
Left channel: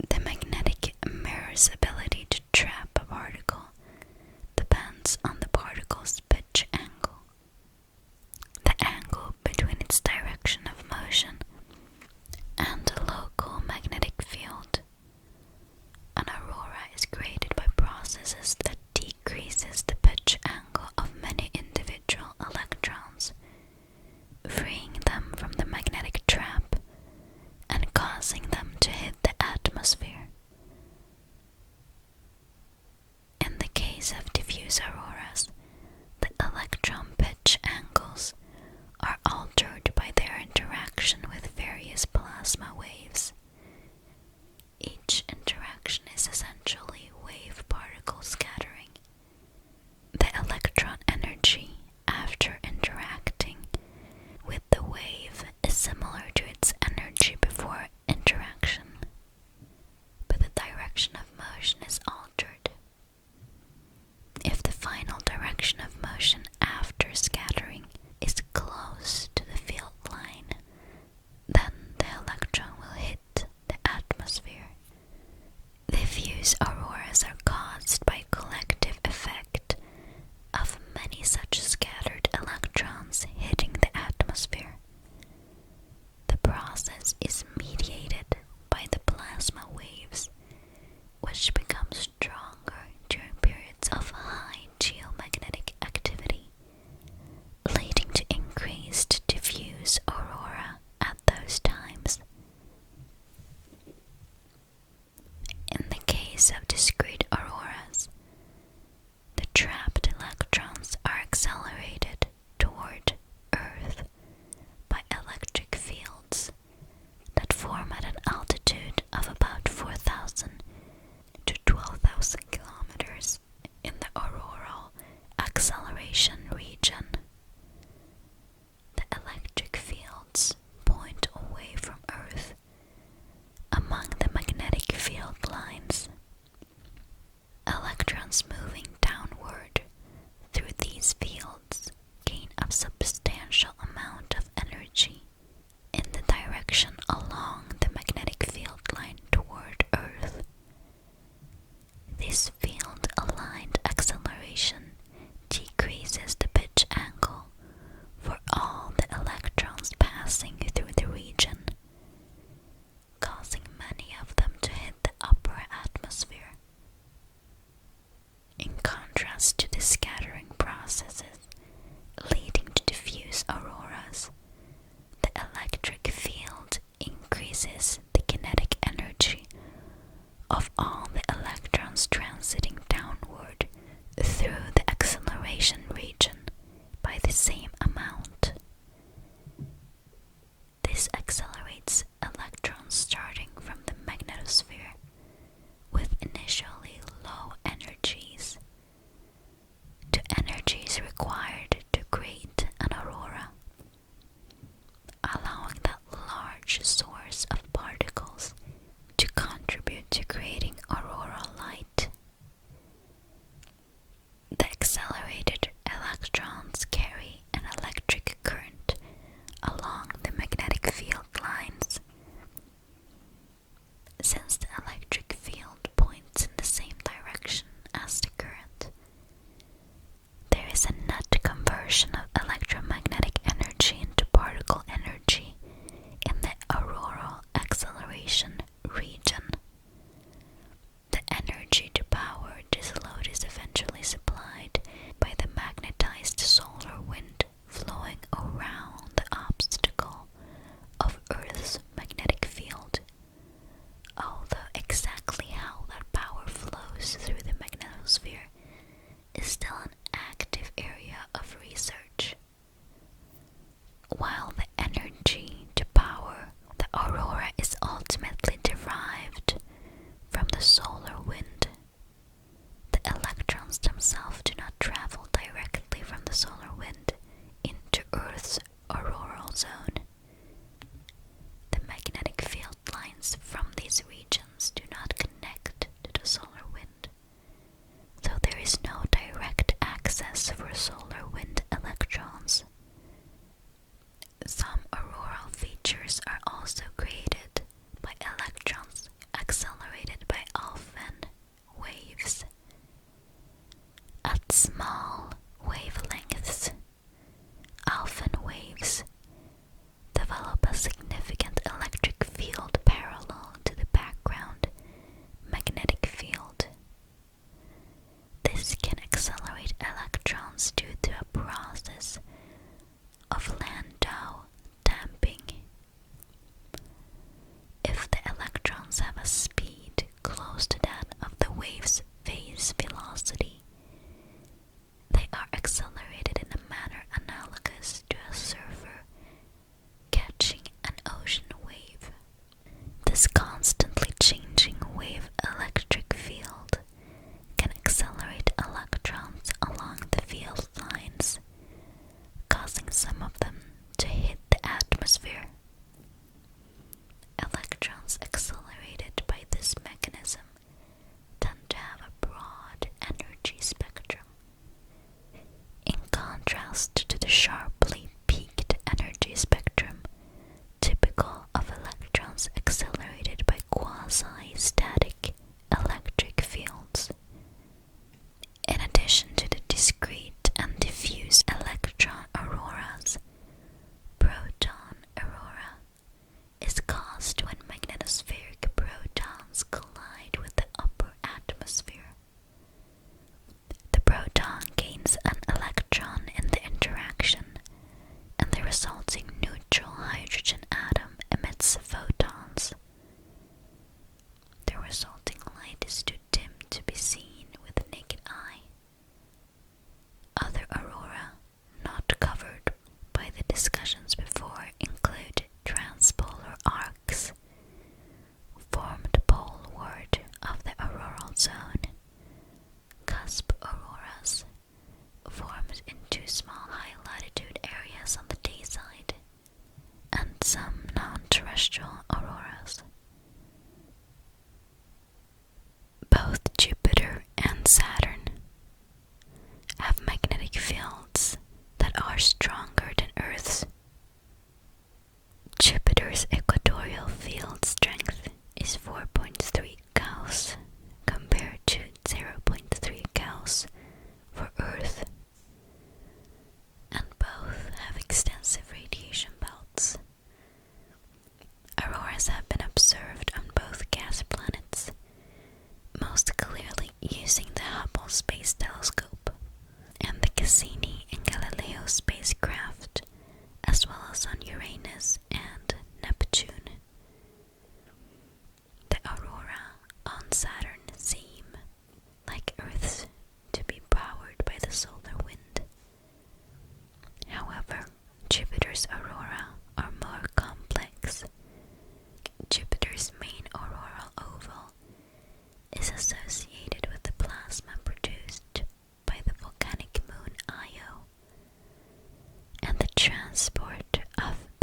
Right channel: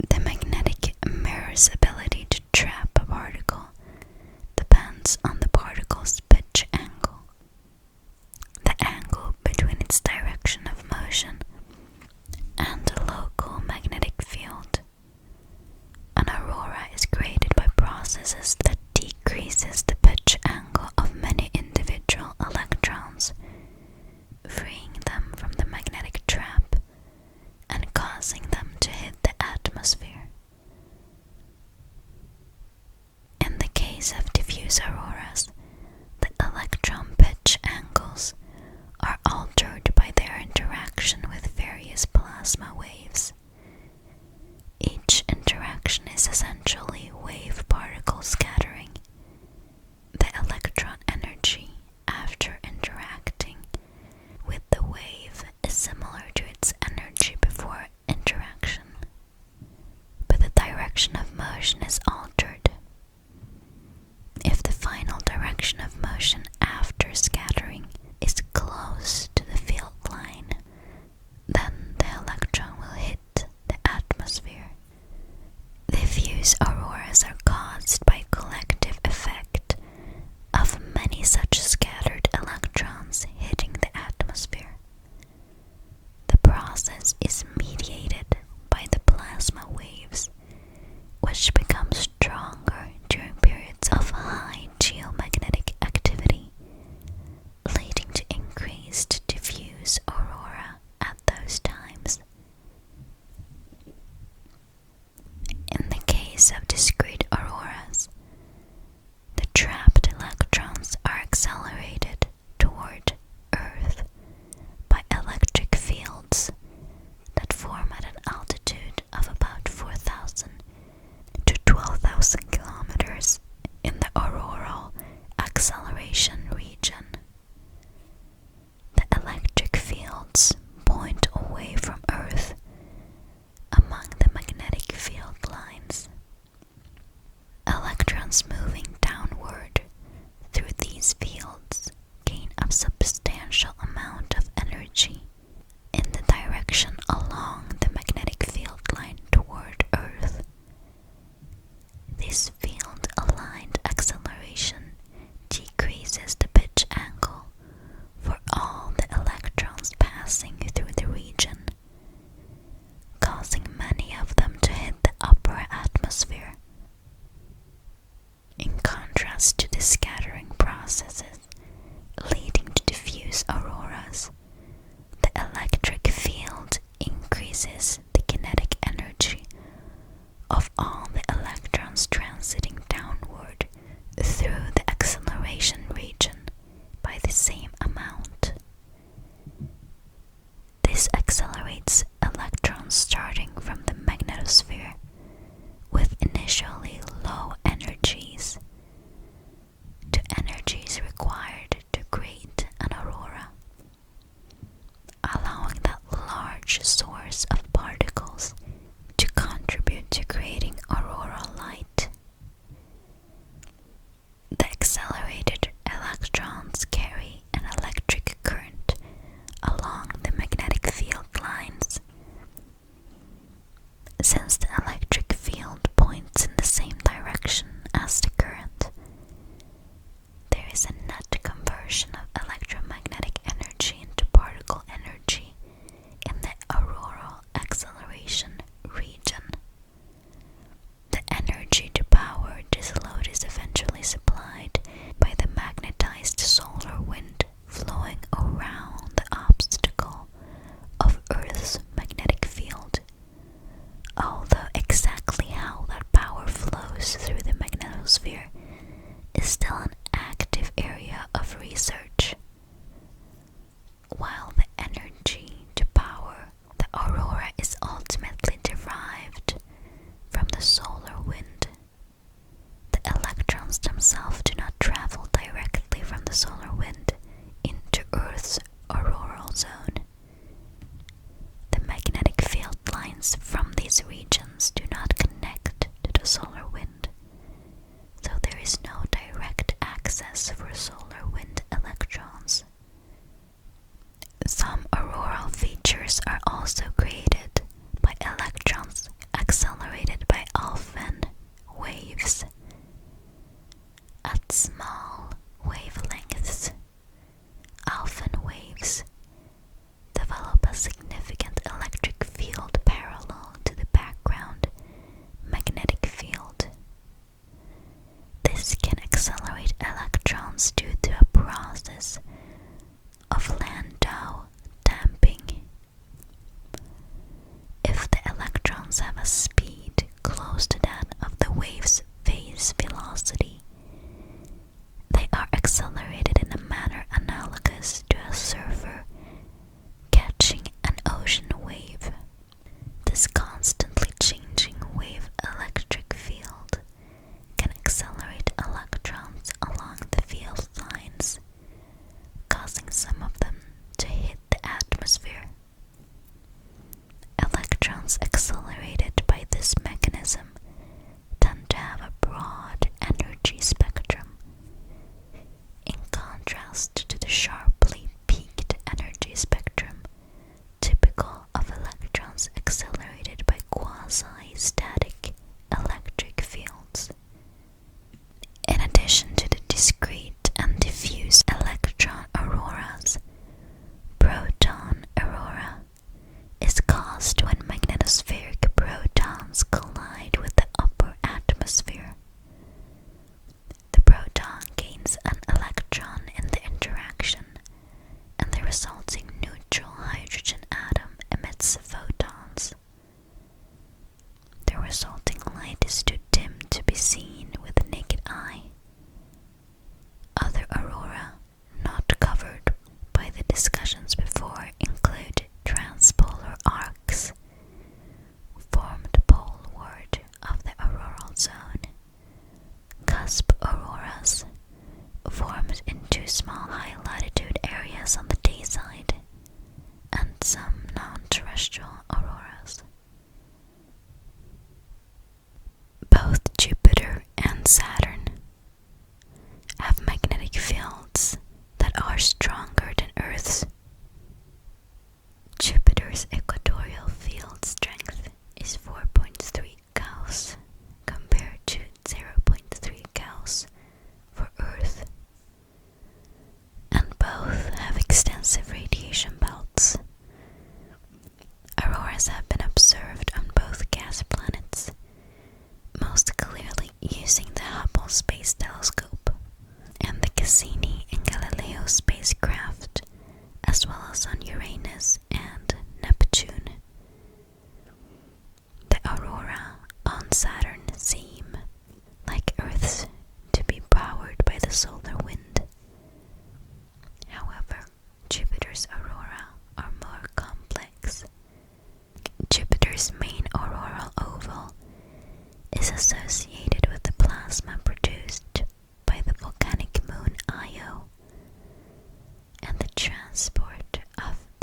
The magnetic mirror's ability to trap a particle depends on the particle's pitch angle, the angle between its direction of motion and the local magnetic field. An aurora is created by processes that decreases the pitch angle of many individual electrons, freeing them from the magnetic trap and causing them to hit the atmosphere. In the case of diffuse auroras, the electron pitch angles are altered by their interaction with various plasma waves. Each interaction is essentially wave particle scattering. The electron energy after interacting with the wave is similar to its energy before interaction, but the direction of motion is altered. If the final direction of motion after scattering is close to the field line, then the electron will hit the atmosphere. Diffuse auroras are caused by collective effect of many such scattered electrons hitting the atmosphere. The process is mediated by the plasma waves, which become stronger during periods of high geomagnetic activity, leading to increased diffuse aurora at those times. In the case of electrons starting from the magnetosphere with initially low energies to energies required to create an aurora, allowing that large source of particles to contribute to creating auroral light. The accelerated electrons carry an electric current along the magnetic field lines. Since the electric field points in the same direction as the current, there is a net conversion of electromagnetic energy into particle energy in the auroral acceleration region. The energy to power this load is eventually supplied by the magnetized solar wind flowing around the obstacle of Earth's magnetic field. Although exactly how that power flows through the magnetosphere is still an active area of research. While the energy to power the aurora is ultimately derived from the solar wind, the electrons themselves do not travel directly from the solar wind into Earth's auroral zone. The magnetic field lines from these regions do not connect to the solar wind, so there is no direct access for solar wind electrons. Some auroral features are also created by electrons accelerated by alpha waves. At small wavelengths, alpha waves develop a significant electric field parallel to the background magnetic field. This can accelerate electrons due to a process of Landau damping. If the electrons have a speed close to that of the wave's phase velocity, they are accelerated in a manner analogous to a surfer catching an ocean wave. This constantly changing wave electric field can accelerate electrons along the field lines, causing some of them to hit the atmosphere. Electrons accelerated by this mechanism tend to have a broad energy spectrum, in contrast to the sharply peaked energy spectrum typical of electrons accelerated by quasi-static electric fields. In addition to the discrete and diffuse electron auroras, proton aurora is caused when magnetospheric protons collide with the upper atmosphere. The proton gains an electron in the interaction, and the resulting neutral hydrogen atom emits photons. The resulting light is too dim to be seen with the naked eye. Other aurora not covered by the discussions before include transpolar arcs, formed poleward of the auroral zone, cusp auroras, formed in two small high-latitude areas on the day side, and some non-terrestrial auroras. Both Jupiter and Saturn have magnetic fields that are stronger than Earth's. Jupiter's equatorial field strength is 4.3 Gauss compared to 0.3 Gauss for Earth, and both have extensive radiation belts. Auroras have been observed on both gas planets, most clearly using the Hubble Space Telescope and the Cassini and Galileo spacecraft, as well as on Uranus and Neptune. The aurora on Saturn seem, like Earth's, to be powered by the solar wind. However, Jupiter's aurora are more complex. Jupiter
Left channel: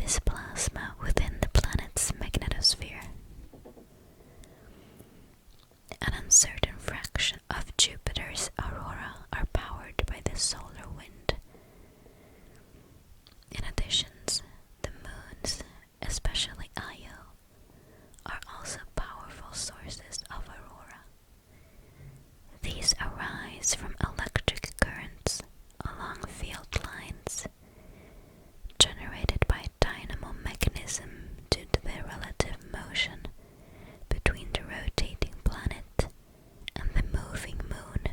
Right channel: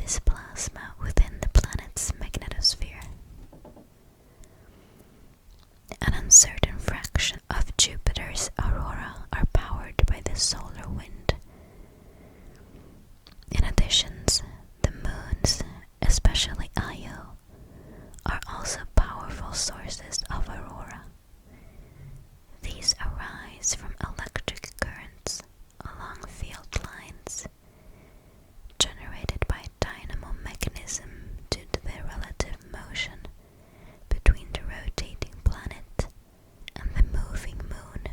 this plasma within the planet's magnetosphere. An uncertain fraction of Jupiter's aurora are powered by the solar wind. In addition, the moons, especially Io, are also powerful sources of aurora. These arise from electric currents along field lines generated by a dynamo mechanism due to the relative motion between the rotating planet and the moving moon.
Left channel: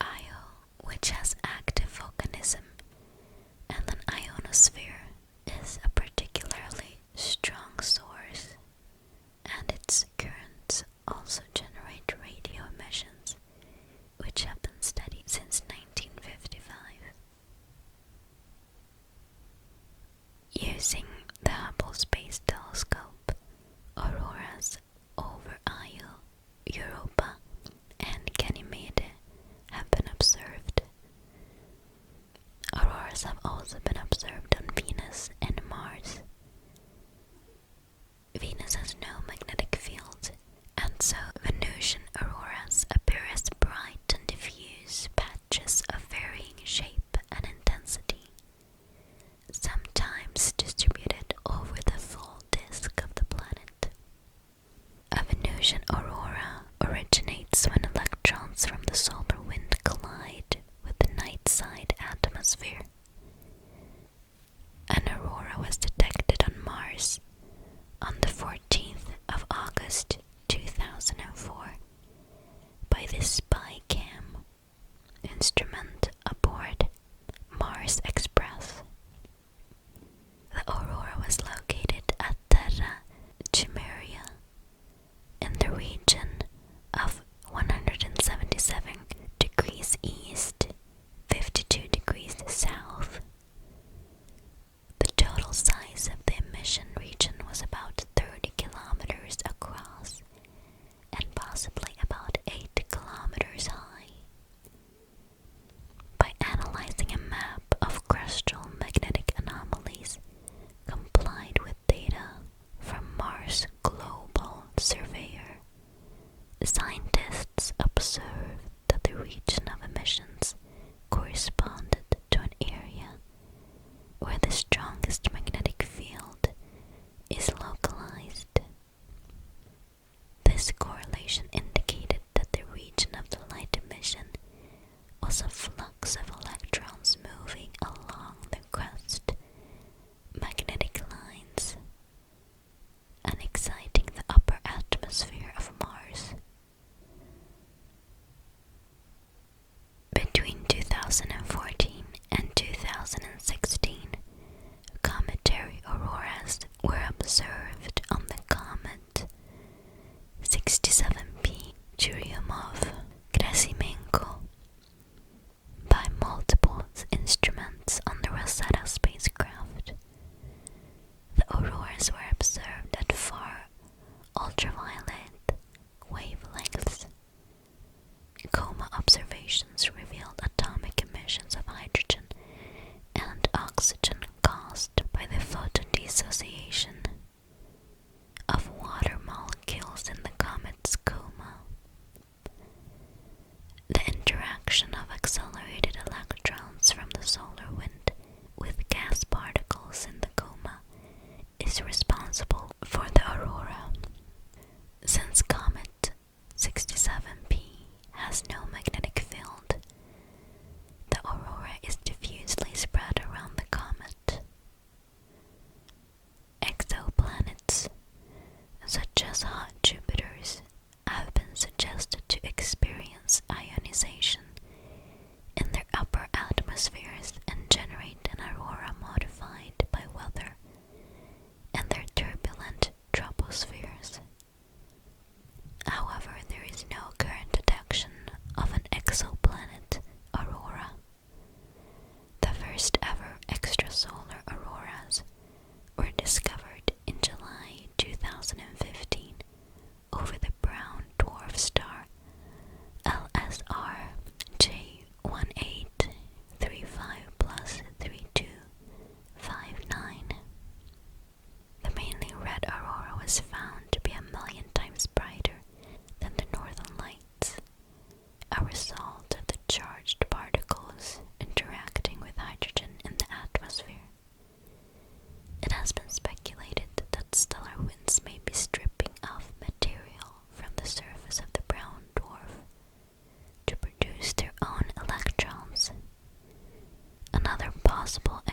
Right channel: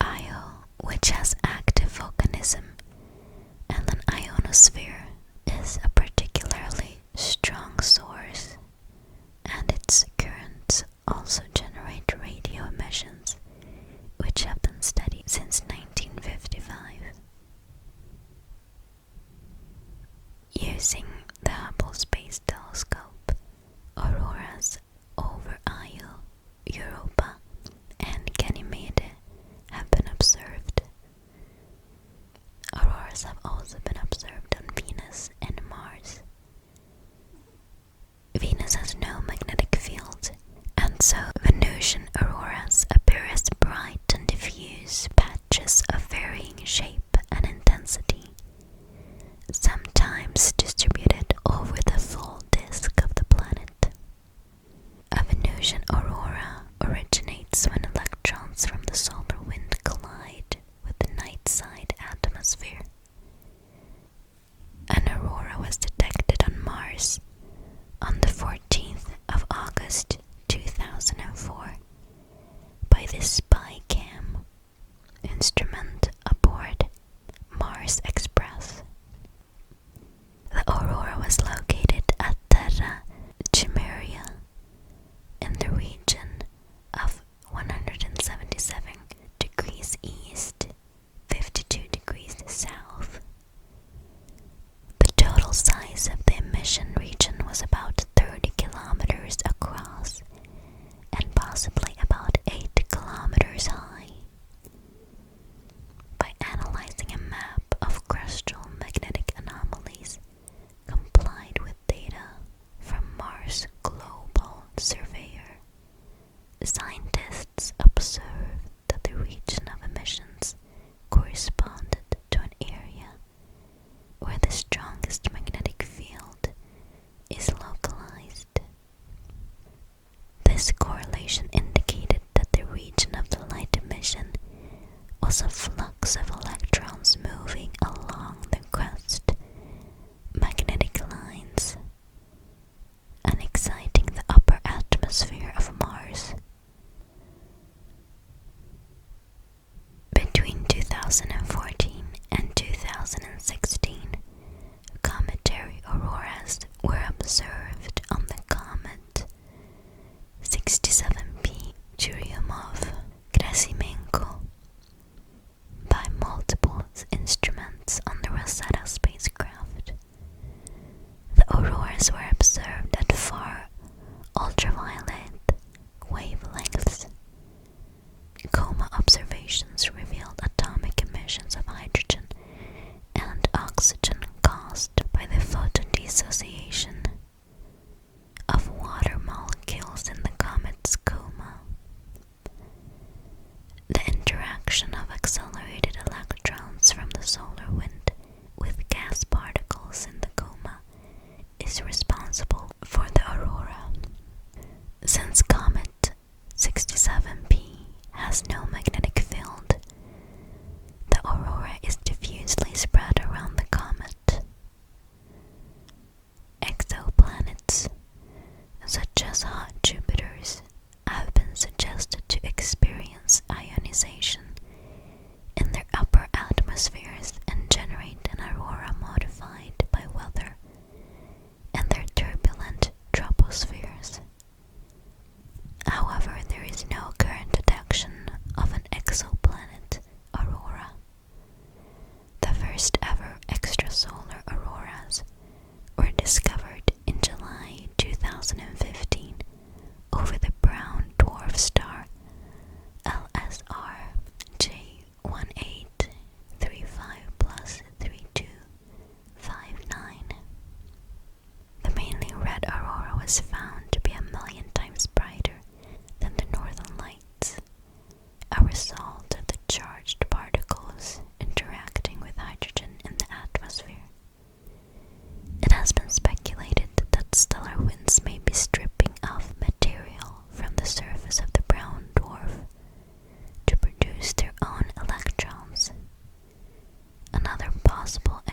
Io, which has active volcanism and an ionosphere, is a particularly strong source, and its currents also generate radio emissions, which have been studied since 1955. Using the Hubble Space Telescope, auroras over Io, Europa, and Ganymede have been observed. Auroras have also been observed on Venus and Mars. Venus has no magnetic field, and so Venusian auroras appear as bright and diffuse patches of varying shape and intensity, sometimes distributed over the full disk of the planet. A Venusian aurora originates when electrons from the solar wind collide with the night-side atmosphere. An aurora was detected on Mars on the 14th of August 2004 by the SpyCam instrument aboard Mars Express. The aurora was located at Terra Cimmeria in the region of 177 degrees east, 52 degrees south. The total size of the emission region was about 30 kilometers across and possibly about 8 kilometers high. By analyzing a map of crustal magnetic anomalies complied with data from Mars Global Surveyor, scientists observed that the region of emissions corresponded to an area where the strongest magnetic field is localized. This correlation indicated that the region of the light emission was a flux of electrons moving along the crust magnetic lines and exciting the upper atmosphere of Mars. Between 2014 and 2016, cometary auroras were observed on the comet 67P Churyumov-Gerasimenko by multiple instruments on the Rosetta spacecraft. The auroras were observed at far ultraviolet wavelengths. Coma observations revealed atomic emissions of hydrogen and oxygen caused by the photodissociation of water molecules in the comet's coma. The interaction of accelerated electrons from the solar wind with gas particles in the coma is responsible for the aurora. Since comet 67P has no magnetic field, the aurora is diffusely spread around the comet. Exoplanets, such as hot Jupiters, have been suggested to experience ionization in their upper atmospheres and generate an aurora modified by weather and their turbulent tropospheres. However, there is no current detection of an exoplanet aurora. The first ever extrasolar auroras were discovered in July 2015 over the brown dwarf star LSR J1835 possible